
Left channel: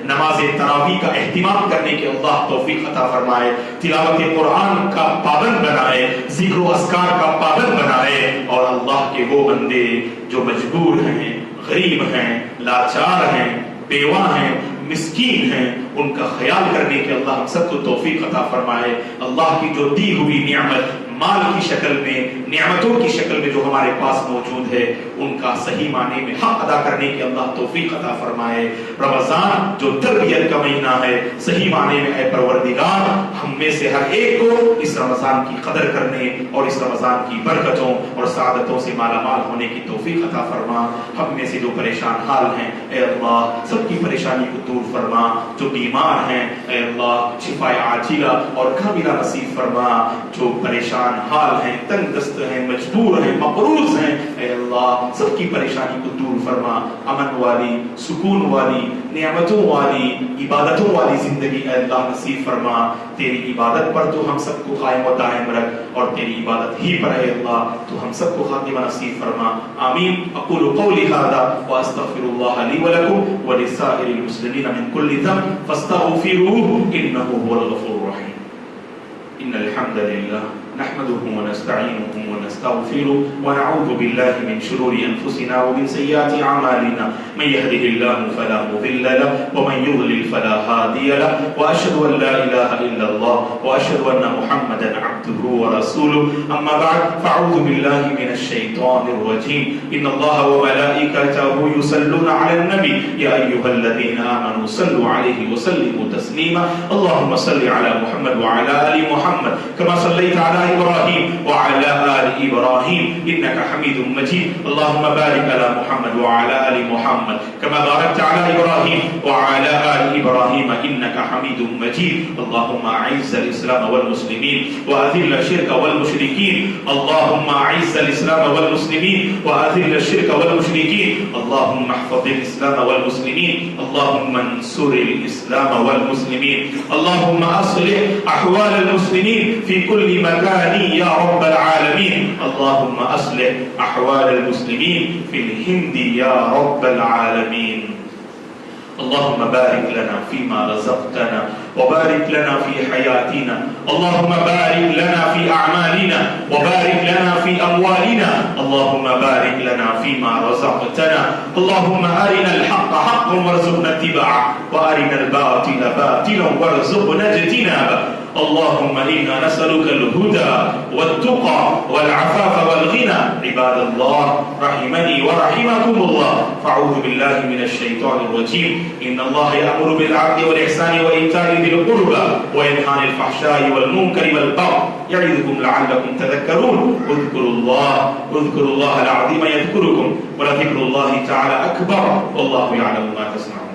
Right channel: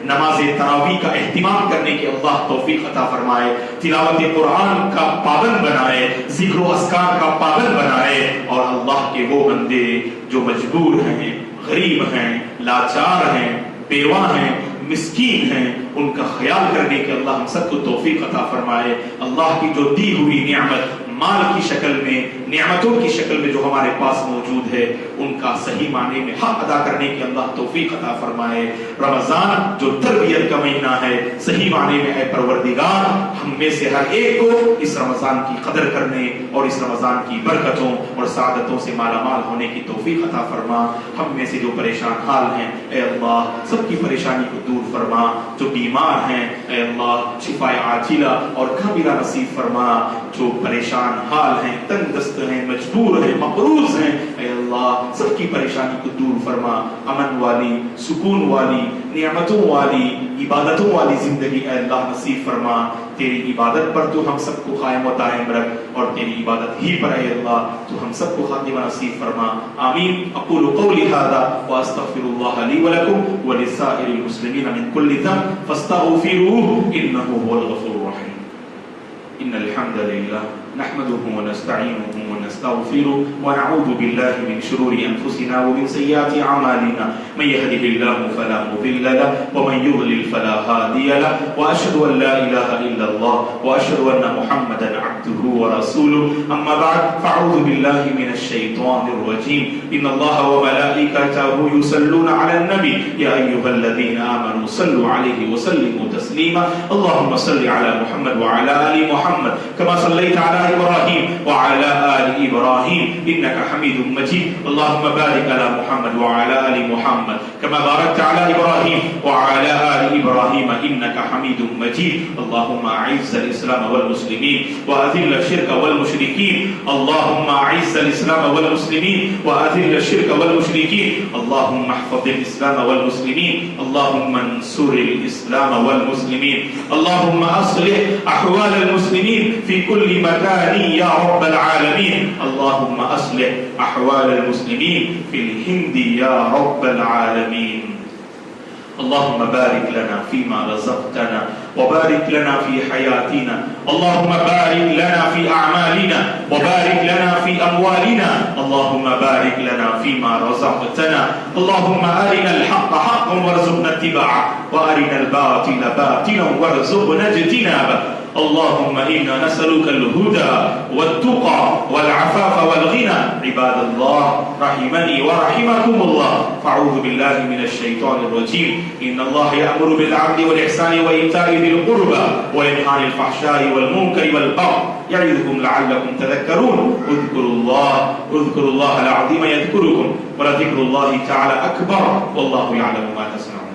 نماز تراویح کا اہتمام کرنے کے اللہ توفیق عطا فرمائے، تلاوت قرآن کا پابند بنائے، ذکر و اذکار کا پابند بنائے، اور اللہ کے وہ بندے جو مجبور ہیں، غریب ہیں، لاچار ہیں، بیوہ ہیں، مسکین ہیں، ان کا خیال کرنے کے اللہ ہم سب کو توفیق عطا فرمائے۔ اللہ کی جو دی ہوئی نعمت مال کی شکل میں، نعمتوں کی شکل میں جو ہمارے پاس موجود ہے، ان کا صحیح معنی میں حق ادا کرنے کی اللہ توفیق عطا فرمائے۔ رمضان جو تربیت کا مہینہ ہے، صحیح معنی میں اے پروردگار ہم میں سے ہر ایک کو اس رمضان کی قدر کرنے اور اس رمضان کی برکتوں اور سعادتوں سے مالا مال ہونے کی توفیق عطا فرما۔ ہم میں سے جو پریشان حال ہیں اے اللہ سب کی پریشانی کو دور فرما، جو بیمار ہیں اے اللہ شفاء عاجلہ اور کاملہ نصیب فرما، جو پریشان حال ہیں، تنگ دست ہیں، مجبور ہیں، مقروض ہیں اے اللہ سب کی پریشانی کو دور فرما، امن والی، سکون والی، نعمتوں والی، عبادتوں والی زندگی اے اللہ نصیب فرما۔ تیری عبادت پر تو ہم سب کو قائم و دائم رکھ، اور تیری عبادت ہی پر اے اللہ تو ہم سب کو خاتمہ نصیب فرما۔ آمین۔ اقول قولی ھذا واستغفر اللہ لی ولکم ولسائر المسلمین من کل ذنب فاستغفروہ انہ هو الغفور الرحیم۔ ان الحمد للہ نحمده ونستعينه ونستغفره ونعوذ بالله من شرور أنفسنا ومن سيئات أعمالنا، من يهده الله فلا مضل له ومن يضلل فلا هادي له، وأشهد أن لا إله إلا الله وأشهد أن محمدا عبده ورسوله، أما بعد فأعوذ بالله من الشيطان الرجيم، إن الله وملائكته يصلون على النبي يا أيها الذين آمنوا صلوا عليه وسلموا تسليما، اللهم صل على محمد وعلى آل محمد كما صليت على إبراهيم وعلى آل إبراهيم إنك حميد مجيد، اللهم بارك على محمد وعلى آل محمد كما باركت على إبراهيم وعلى آل إبراهيم إنك حميد مجيد، اللهم أعز الإسلام والمسلمين وأذل الشرك والمشركين، اللهم أعز الإسلام والمسلمين وأذل الشرك والمشركين، اللهم احفظ الإسلام والمسلمين، اللهم انصر الإسلام والمسلمين، اللهم أصلح أحوال المسلمين في كل مكان يا رب العالمين، اللهم أصلح أحوال المسلمين في الهند يا رب العالمين، اللهم بارك لنا فيما رزقتنا وبارك لنا في حياتنا، اللهم بارك لنا في أعمالنا وبارك لنا في أموالنا، اللهم بارك لنا فيما رزقتنا، اللهم أرنا الحق حقا وارزقنا اتباعه وأرنا الباطل باطلا وارزقنا اجتنابه، اللهم إنا نسألك الهدى والتقى والعفاف والغنى، عباد الله رحمني ورحمكم الله، فأعوذ بالله من الشيطان الرجيم، إن الله يأمر بالعدل والإحسان وإيتاء ذي القربى وينهى عن الفحشاء والمنكر والبغي يعظكم لعلكم تذكرون، اذكروا الله العظيم يذكركم ولذكر الله تعالى أكبر والله يعلم ما تصنعون۔